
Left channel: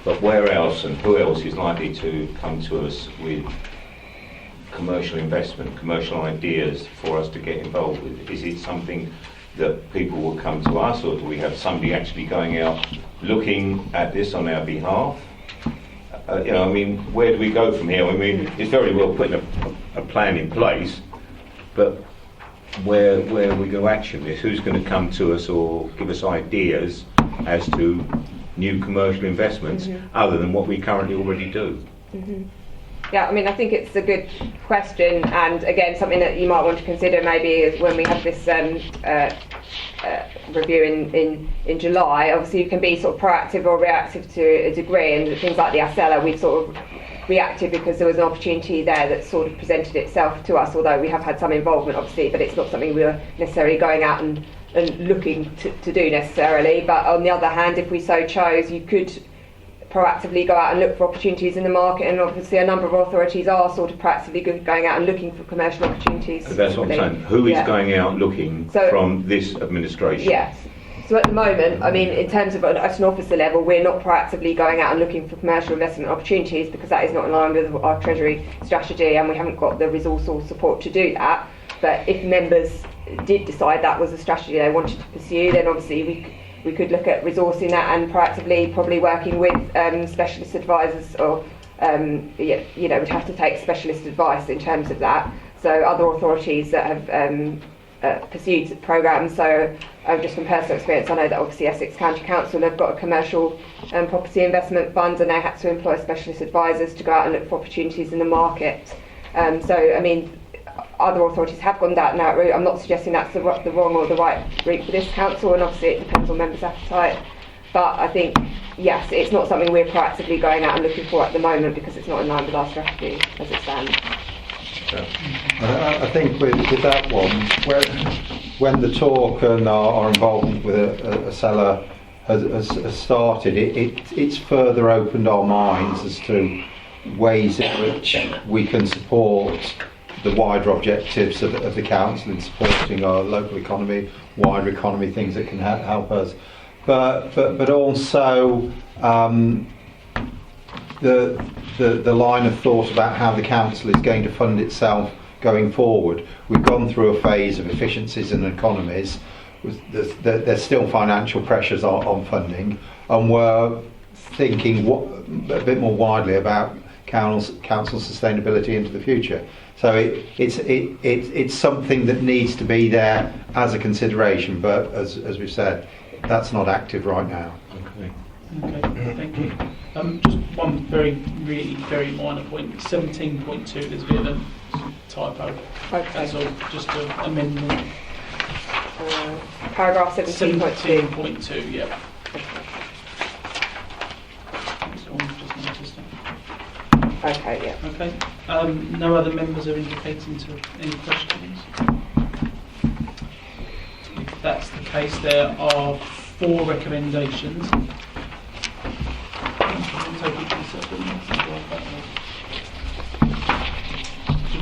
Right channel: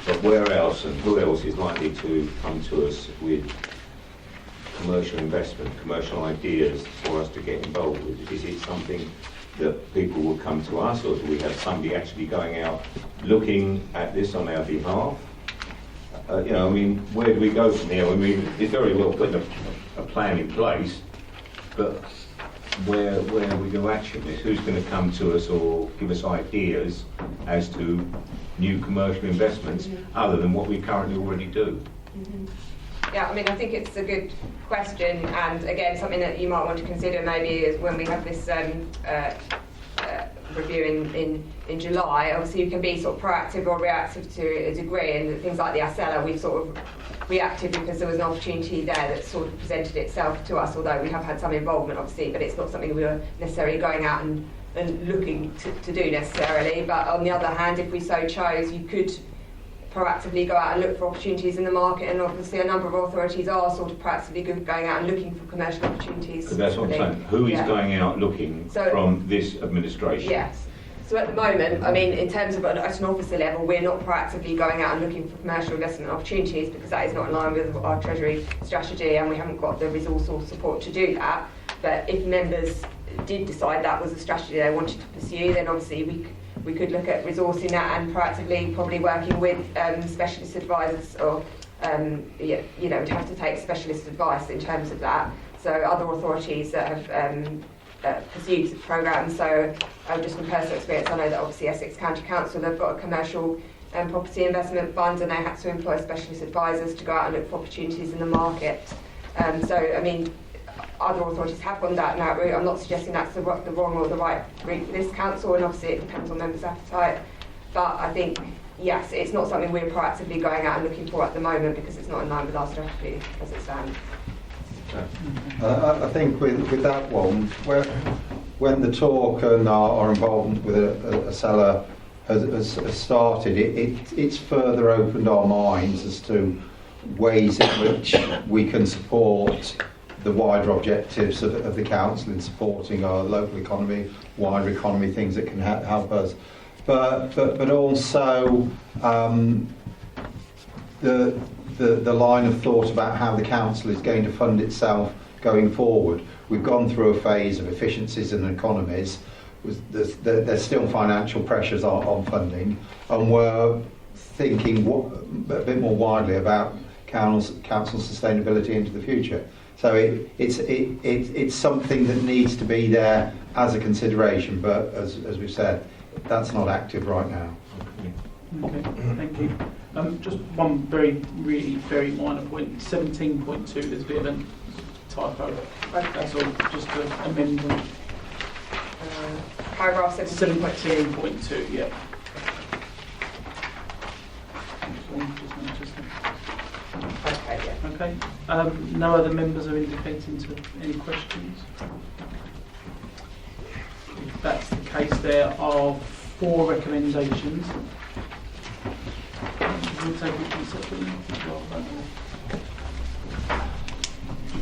But where else and who else is likely to come to us with commercial investment, commercial ideas for us to get involved with? Is it something that people will come to us, or do we have somebody actually going out looking at this on our behalf? You know, I mean, where do we go from here? I mean, it's very well putting a plan in place, but where we go action this? Who's going to come to us or give us ideas as to new commercial investments other than what we currently already do? Yeah, I mean, I think it's a good question, and again, something that you might want to consider maybe is when we have this review in July. Obviously, you can be sort of proactive or reactive to a degree, and things like the ASELA, we sort of reacted because there was an opportunity there that sort of presented itself to us, although we have had some involvement obviously, but it's not something we were necessarily going out and looking to do necessarily. But on the other hand, if we so chose, you could proactively go out and look for opportunities in the market, and obviously a number of authorities are sort of proactively going out and looking for commercial opportunities. That's what I'm saying. Who is going out looking from this administration? Yes. So at the moment, I mean, in terms of at an officer level, we're not proactively going out and looking for commercial investment opportunities because that is not in line with our Treasury strategy, and we haven't got the resource or support to do that. But if members did decide that was a strategy they wanted to pursue, then obviously we could look at resourcing that and proactively probably working with specialist advisors, or we'd have to take specialist advice in terms of that. So other authorities that have pursued programmes. So just from personal experience, I know that obviously Essex County Council, they've got a commercial property investment fund, and they had to employ specialist advisors to go out and look for opportunities in the market. So I mean, other authorities have gone down that route. I'm not suggesting that's the wrong or the right route for this council, and obviously it depends on members' appetite. But I think, yes, it's not something we're proactively going out and looking for at the moment because it's not in line with our strategy as it stands. I think with that one, when the talk and our involvement with a seller has started, it's further opened our minds as to ways in which we can support the wider objectives of the council in supporting our local economy, wider economy, things that can help us. But also the line of thought about how the council is going to fund itself going forward. We've gone through a phase of efficiencies and economies. There's still financial pressures on funding, and we're thinking a bit more widely about council sustainability into the future. So it's something that needs to be there as a consideration, but as we've said, that's not active right now. Okay, thank you. Just one really very minor point. 17.2, there's a bit of a typo. Okay. That's all. Just to amend Paragraph 17.2. 17.2, yeah. Okay, yeah. Okay. No other members are indicating to any questions. If that's the case, there are 4 recommendations.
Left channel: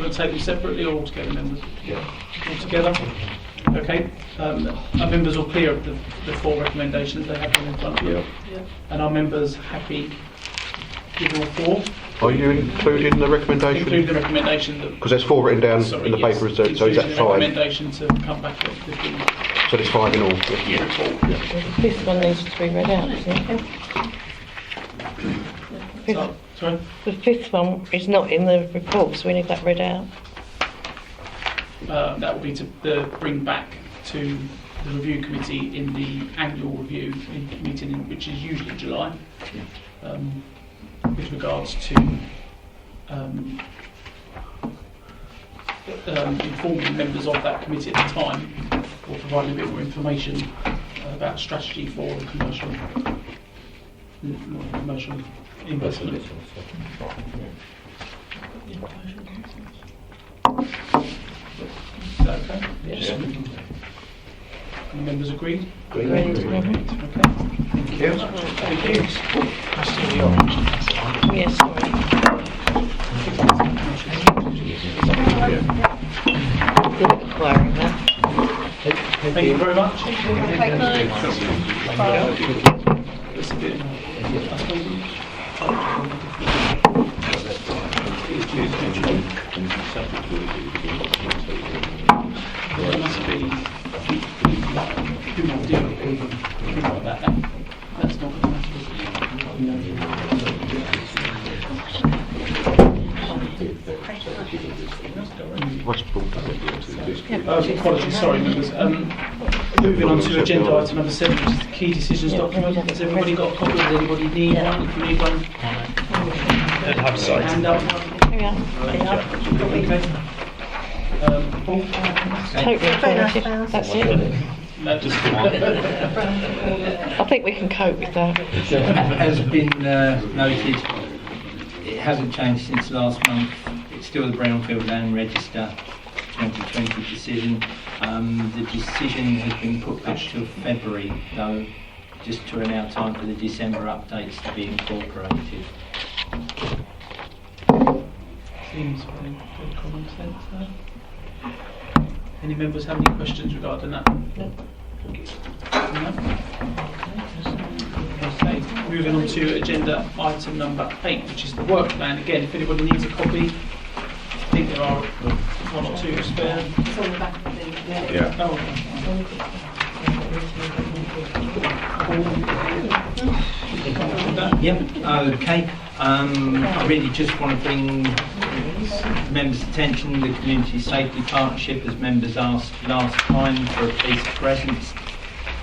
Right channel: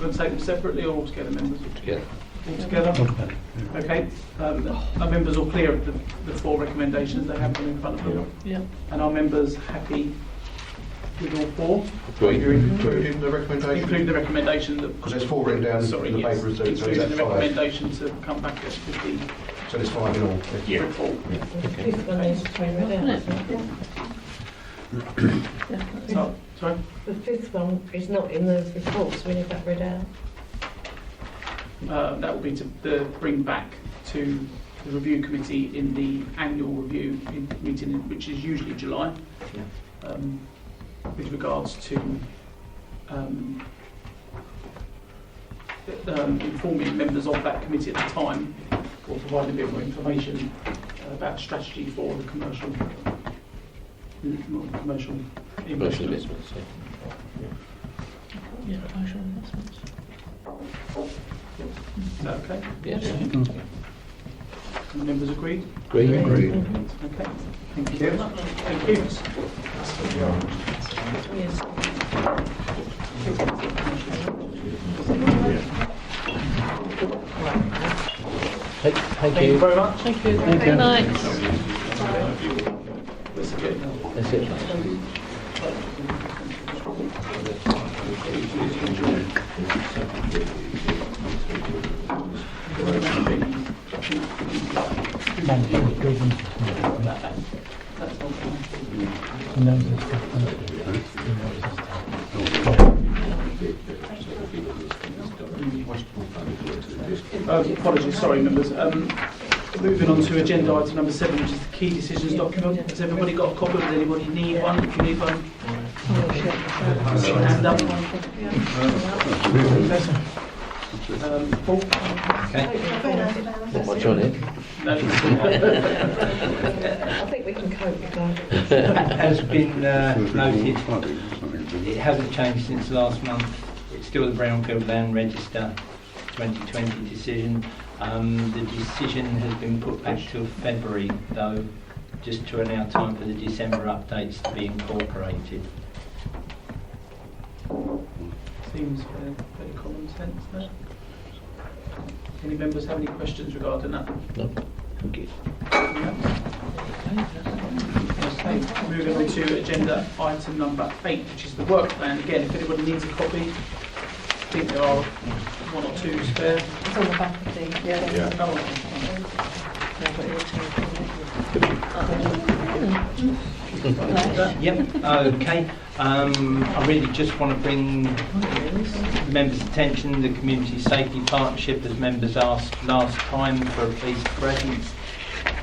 We'll take them separately or all together, members? Yeah. All together? Okay. Are members all clear of the 4 recommendations they have in front of you? Yeah. And are members happy with all 4? Are you including the recommendation? Include the recommendation that... Because there's 4 written down Sorry, in the yes. paper, so is that Including the 5? recommendation to come back at 15. So there's 5 in all? Yeah, 4. This one needs to be read out, doesn't it? Sorry? The 5th one is not in the report, so we need that read out. That would be to bring back to the review committee in the annual review meeting, which is usually July, with regards to informing members of that committee at the time, or providing a bit more information about strategy for the commercial investment. Yeah, commercial investments. Is that okay? Yes. The members agreed? Agree. Okay. Thank you. Thank you. That's still the orange. Yes, sorry. Good at acquiring that. Thank you very much. Good night. That's good. That's it. That's not apologies, sorry members. Moving on to agenda item number 7, which is the key decisions document. Has everybody got a copy? Does anybody need one? If you need one, hand up. Paul? Totally informative. That's it. No. I think we can cope with that. Has been noted, it hasn't changed since last month. It's still the Brownfield Land Register 2020 decision. The decision has been put back till February, though, just to allow time for the December updates to be incorporated. Seems very common sense there. Any members have any questions regarding that? No. Okay. Moving on to agenda item number 8, which is the work plan. Again, if anybody needs a copy, I think there are 1 or 2 spare. It's on the back of the... Yeah. Oh, Yep, okay. I really just want to bring members' attention the Community Safety Partnership, as members asked last time, for a police presence.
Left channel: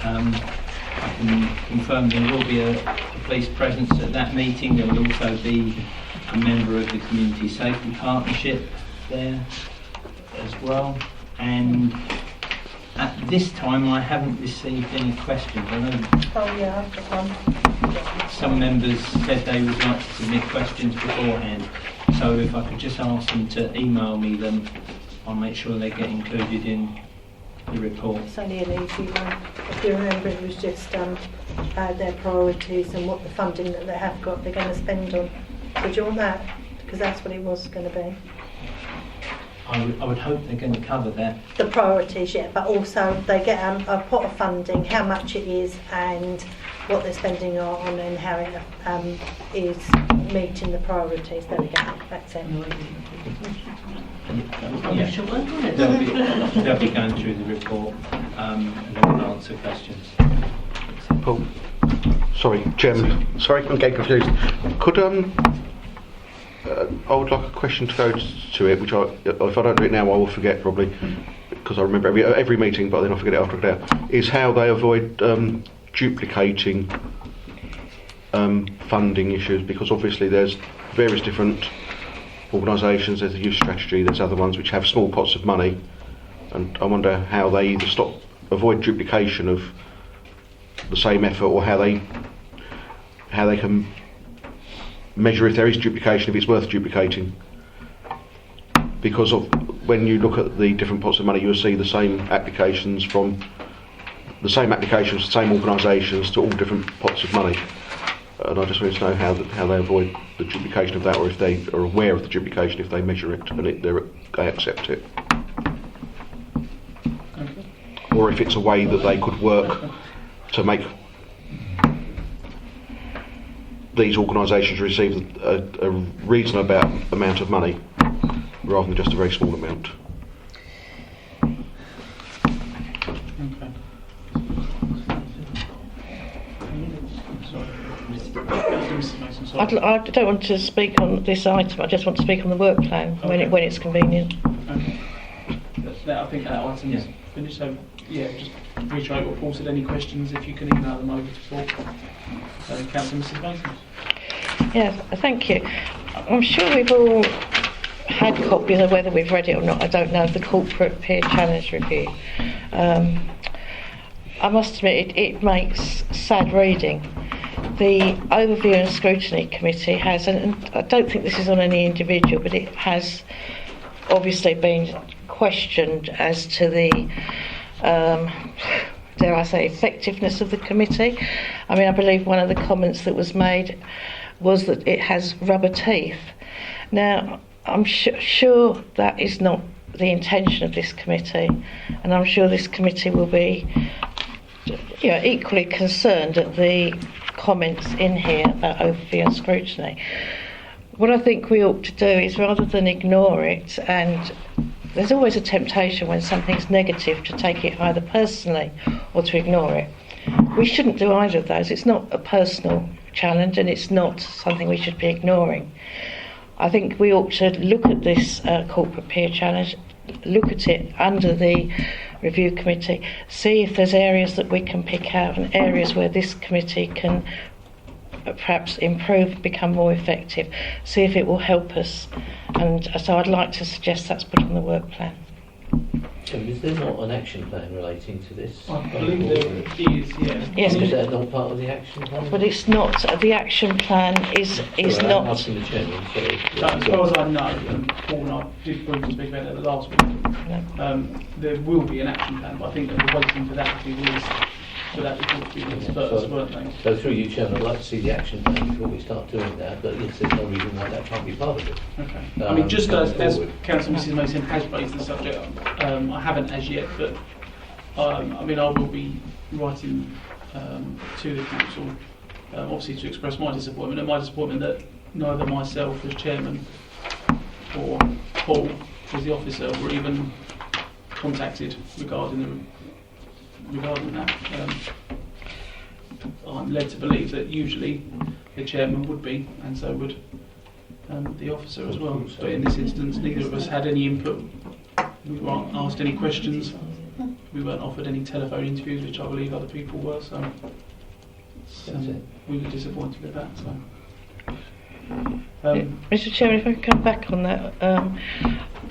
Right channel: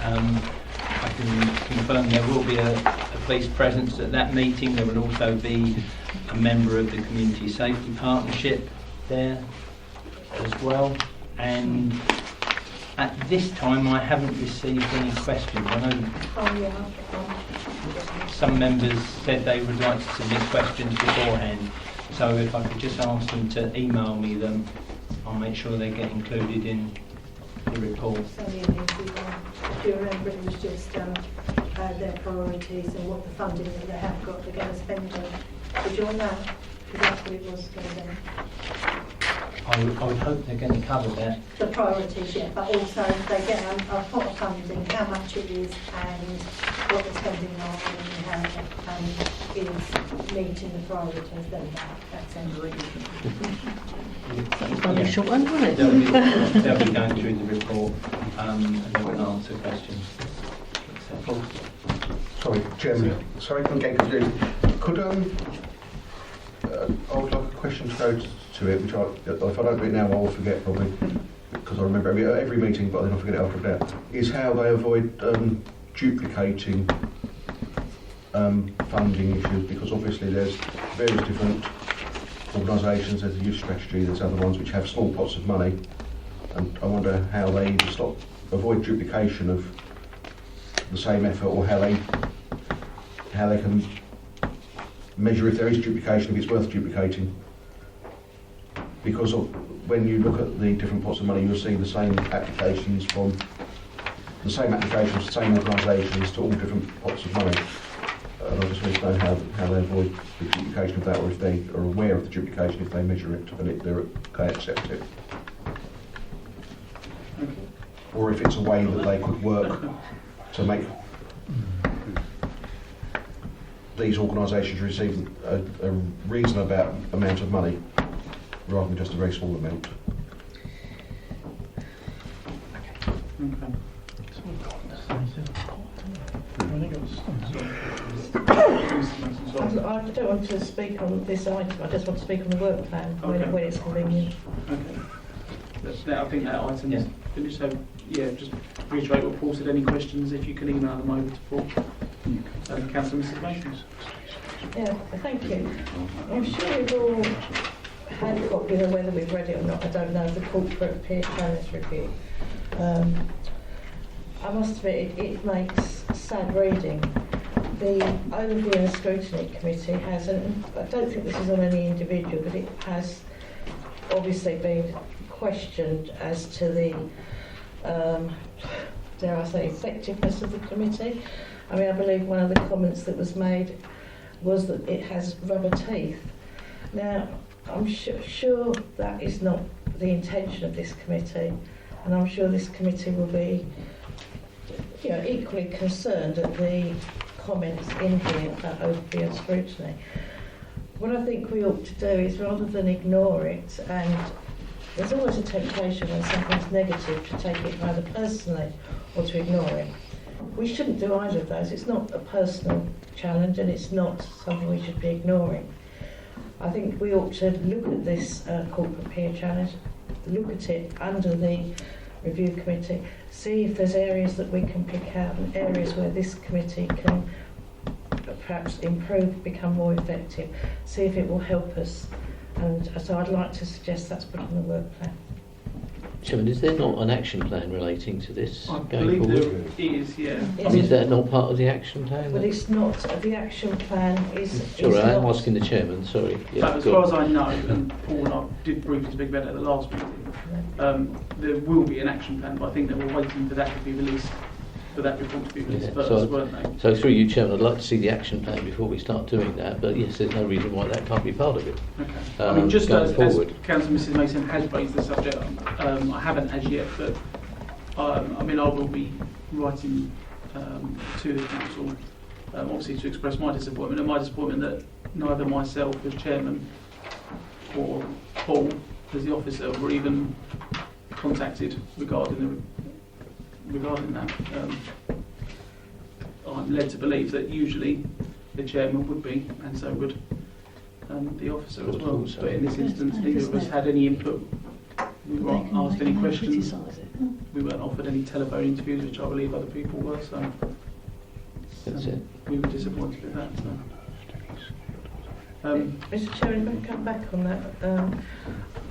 I can confirm there will be a police presence at that meeting. There will also be a member of the Community Safety Partnership there. as well. And at this time, I haven't received any questions. I know Oh, yeah, I've got one. some members said they would like to submit questions beforehand. So if I could just ask them to email me them, I'll make sure they get included in the report. It's only an easy one. If you remember, it was just their priorities and what the funding that they have got they're going to spend on. Would you want that? Because that's what it was going to be. I would hope they're going to cover that. The priorities, yeah, but also they get a pot of funding, how much it is and what they're spending on and how it is meeting the priorities. There we go, that's it. Yeah. They'll be going through the report and they will answer questions. Paul. Sorry, Chairman. Sorry, I'm getting confused. Could I would like a question to go to it, which if I don't do it now, I will forget probably, because I remember every meeting, but then I forget it after a day. Is how they avoid duplicating funding issues, because obviously there's various different organisations. There's the youth strategy. There's other ones which have small pots of money, and I wonder how they either avoid duplication of the same effort, or how they can measure if there is duplication, if it's worth duplicating. Because of when you look at the different pots of money, you'll see the same applications from the same organisations to all different pots of money. And I just want to know how they avoid the duplication of that, or if they are aware of the duplication, if they measure it and they accept it. Or if it's a way that they could work to make these organisations receive a reasonable amount of money rather than just a very small amount. I don't want to speak on this item. I just want to speak on the work plan when it's convenient. I think that item is finished. So just reiterate what Paul said. Any questions? If you could email them over to Paul. Councillor Mrs. Matthews. Yeah, thank you. I'm sure we've all had copies, of whether we've read it or not, I don't know, the Corporate Peer Challenge Review. I must admit, it makes sad reading. The Overview and Scrutiny Committee has, and I don't think this is on any individual, but it has obviously been questioned as to the, dare I say, effectiveness of the committee. I mean, I believe one of the comments that was made was that it has rubber teeth. Now, I'm sure that is not the intention of this committee, and I'm sure this committee will be equally concerned at the comments in here about overview and scrutiny. What I think we ought to do is, rather than ignore it, and there's always a temptation when something's negative to take it either personally or to ignore it. We shouldn't do either of those. It's not a personal challenge and it's not something we should be ignoring. I think we ought to look at this corporate peer challenge, look at it under the review committee, see if there's areas that we can pick out and areas where this committee can perhaps improve, become more effective, see if it will help us. And so I'd like to suggest that's put on the work plan. Chairman, is there not an action plan relating to this I going believe forward? there is, yeah. Yes, Is that not part of the action plan? but it's not. The action plan is Sorry, not. I'm asking the chairman, sorry. As far as I know, and Paul and I did briefly speak about it at the last meeting, there will be an action plan, but I think they were waiting for that to be released, for that report to be released first, weren't they? So through you, Chairman, I'd like to see the action plan before we start doing that, but yes, there's no reason why that can't be part of it. Okay. I mean, just as forward. Councillor Mrs Mason has raised the subject, I haven't as yet, but I mean, I will be writing to the council, obviously to express my disappointment, that neither myself as chairman or Paul as the officer were even contacted regarding that. I'm led to believe that usually the chairman would be, and so would the officer as well. But in this instance, neither of us had any input. We weren't asked any questions. We weren't offered any telephone interviews, which I believe other people were. So That's it. we were disappointed with that. So. Mr. Chairman, if I can come back on that,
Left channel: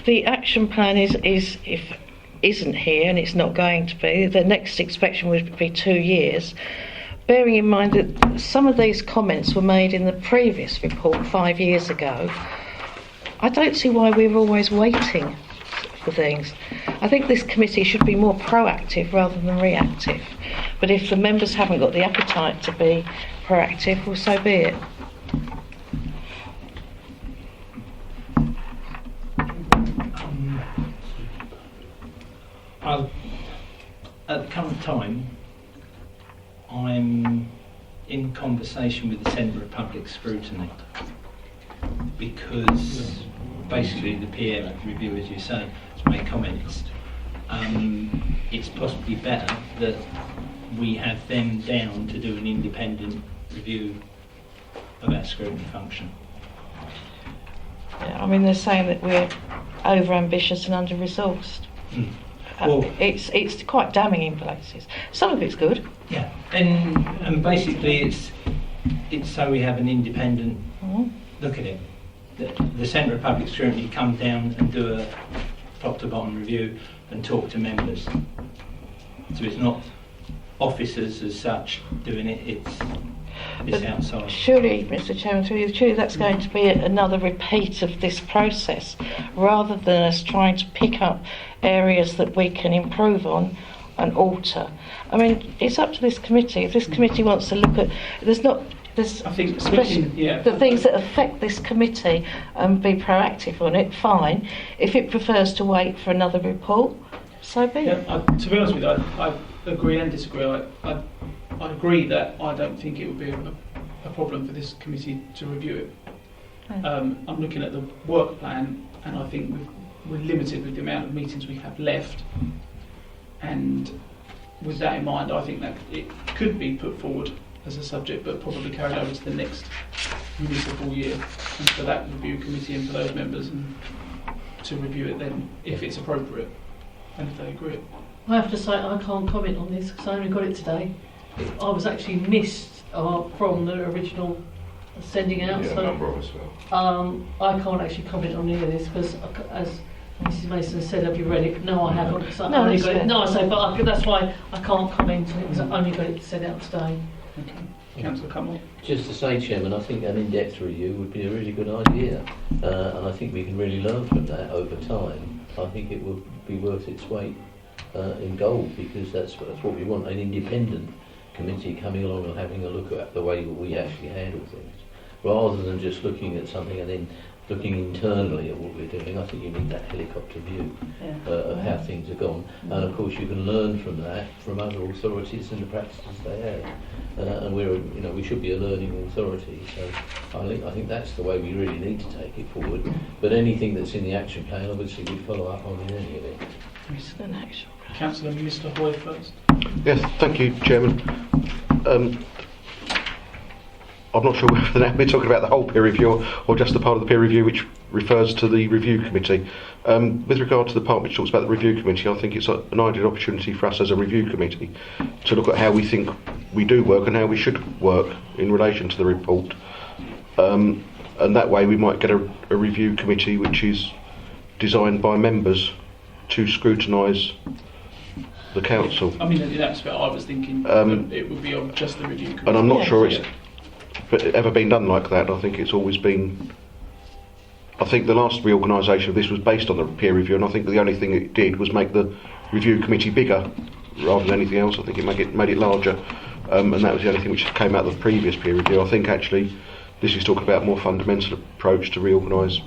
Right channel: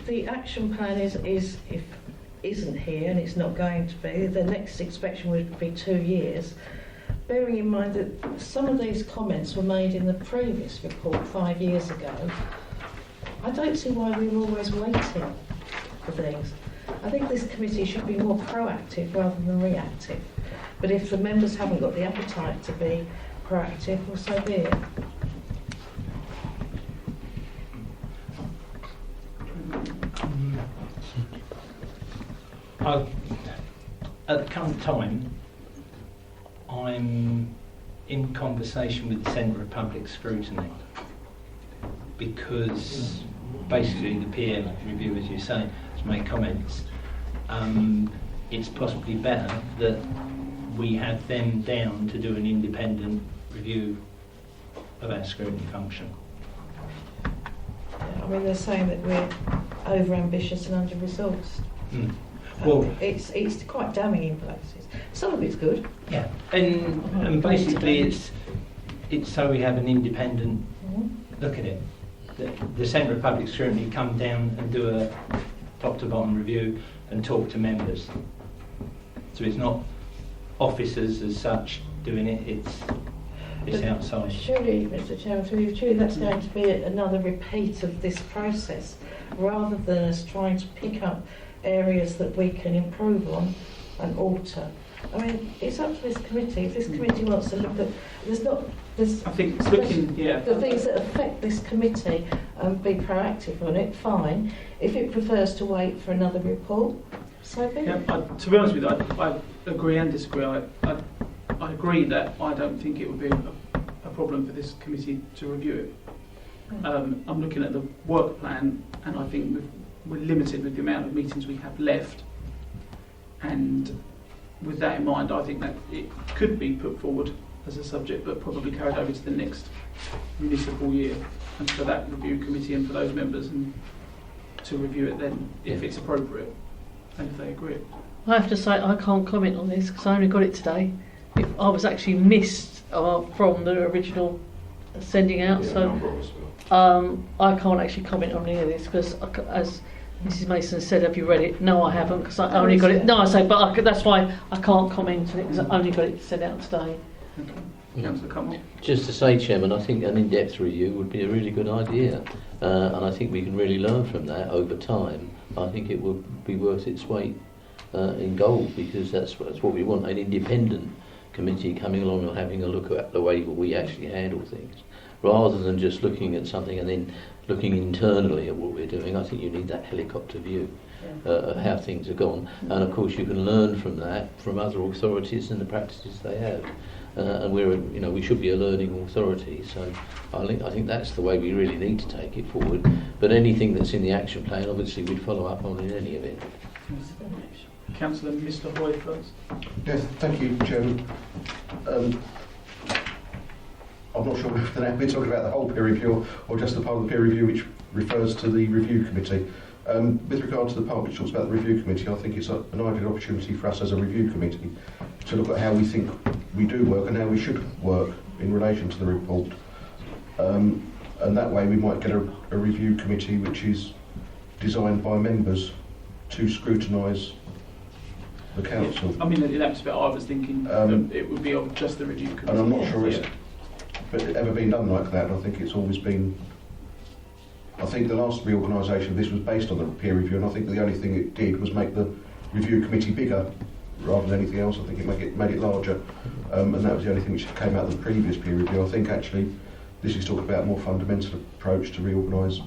the action plan isn't here, and it's not going to be. The next inspection would be 2 years. Bearing in mind that some of these comments were made in the previous report 5 years ago, I don't see why we're always waiting for things. I think this committee should be more proactive rather than reactive. But if the members haven't got the appetite to be proactive, well, so be it. At the current time, I'm in conversation with the Centre of Public Scrutiny, because basically the peer review, as you say, has made comments. It's possibly better that we have them down to do an independent review of our scrutiny function. I mean, they're saying that we're over-ambitious and under-resourced. Well, it's quite damning in places. Some of it's good. yeah, and basically it's so we have an independent look at it. The Centre of Public Scrutiny come down and do a top-to-bottom review and talk to members. So it's not officers as such doing it, it's outside. Surely, Mr. Chairman, surely that's going to be another repeat of this process, rather than us trying to pick up areas that we can improve on and alter. I mean, it's up to this committee. If this committee wants to look at, I think switching, the things that affect this committee and be proactive on it, fine. If it prefers to wait for another report, so be it. To be honest with you, I agree and disagree. I agree that I don't think it would be a problem for this committee to review it. I'm looking at the work plan, and I think we're limited with the amount of meetings we have left. And with that in mind, I think that it could be put forward as a subject, but probably carried over to the next municipal year, and for that review committee and for those members, and to review it then if it's appropriate and if they agree. I have to say I can't comment on this because I only got it today. I was actually missed from the original sending out, I can't actually comment on any of this because, as Mrs. Mason said, have you read it? No, I haven't because I only got it. No, I say, but that's why I can't comment on it because I only got it sent out today. Okay. Councillor Cummill. Just to say, Chairman, I think an in-depth review would be a really good idea, and I think we can really learn from that over time. I think it would be worth its weight in gold, because that's what we want, an independent committee coming along and having a look at the way that we actually handle things, rather than just looking at something and then looking internally at what we're doing. I think you need that helicopter view of how things have gone, and of course you can learn from that from other authorities and the practices they have. And we should be a learning authority. So I think that's the way we really need to take it forward. But anything that's in the action plan, obviously, we'd follow up on in any event. Councillor Mr. Hoy first. Yes, thank you, Chairman. I'm not sure whether we're talking about the whole peer review or just the part of the peer review which refers to the review committee. With regard to the part which talks about the review committee, I think it's an ideal opportunity for us as a review committee to look at how we think we do work and how we should work in relation to the report. And that way we might get a review committee which is designed by members to scrutinise the council. I mean, that's what I was thinking. It would be on just the review committee. And I'm not sure it's ever been done like that. I think it's always been. I think the last reorganisation of this was based on the peer review, and I think the only thing it did was make the review committee bigger rather than anything else. I think it made it larger, and that was the only thing which came out of the previous peer review. I think actually this is talking about a more fundamental approach to reorganise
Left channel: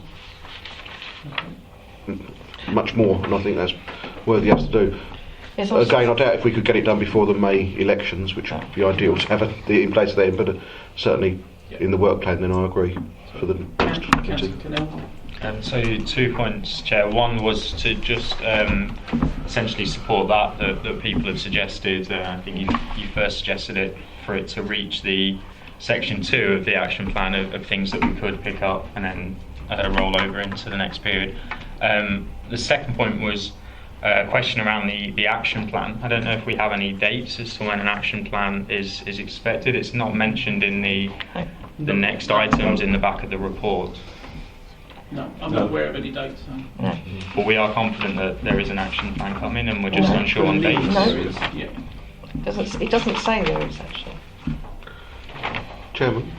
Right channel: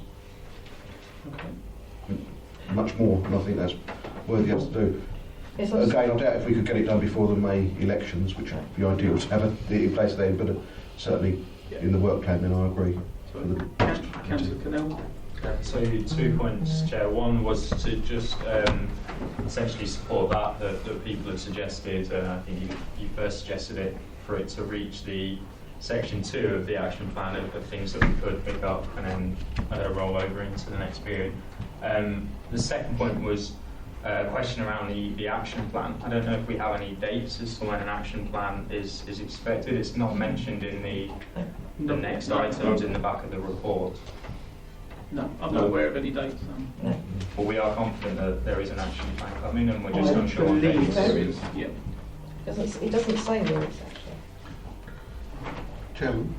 much more, and I think that's worthy of us to do. Again, I doubt if we could get it done before the May elections, which would be ideal to have it in place then, but certainly in the work plan, then I agree for the next committee. So 2 points, Chair. One was to just essentially support that people have suggested. I think you first suggested it for it to reach the section 2 of the action plan of things that we could pick up and then roll over into the next period. The second point was a question around the action plan. I don't know if we have any dates as to when an action plan is expected. It's not mentioned in the next items in the back of the report. No, I'm No. not aware of any dates. No. But we are confident that there is an action plan coming, and we're just No. unsure on dates. No. Yeah. It doesn't say there is actually. Chairman,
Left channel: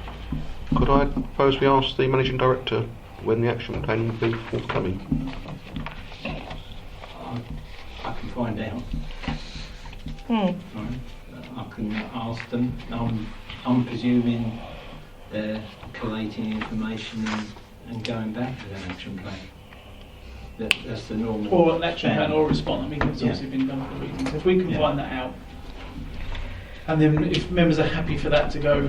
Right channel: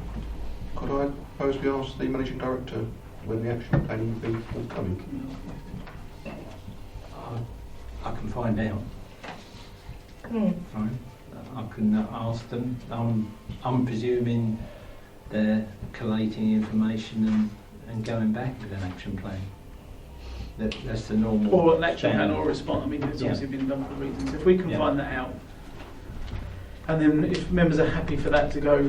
could I propose we ask the managing director when the action plan will be forthcoming? I can find out. Right. I can ask them. I'm presuming they're collating information and going back with an action plan. That's the normal. Or an action plan plan. or a response. I mean, it's Yeah. obviously been done for reasons. If we can Yeah. find that out, and then if members are happy for that to go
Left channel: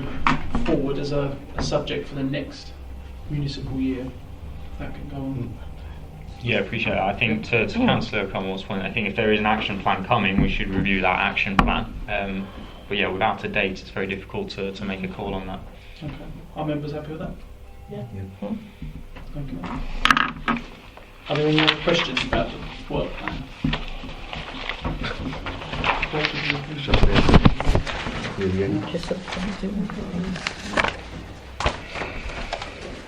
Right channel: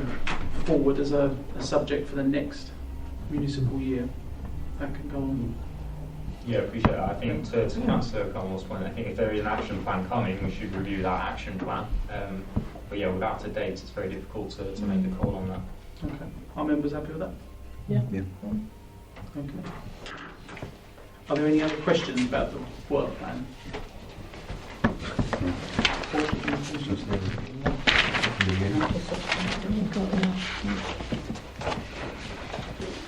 forward as a subject for the next municipal year, that can go on. Yeah, appreciate that. I think to Councillor Cromwell's point, I think if there is an action plan coming, we should review that action plan. But yeah, without a date, it's very difficult to make a call on that. Okay. Are members happy with that? Yeah. Okay. Are there any other questions about the work plan?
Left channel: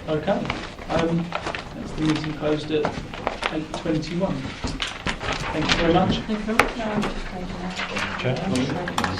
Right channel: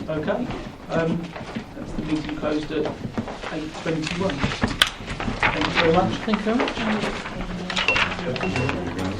Okay. That's the meeting closed at 8:21. Thank you very much. Thank you very much.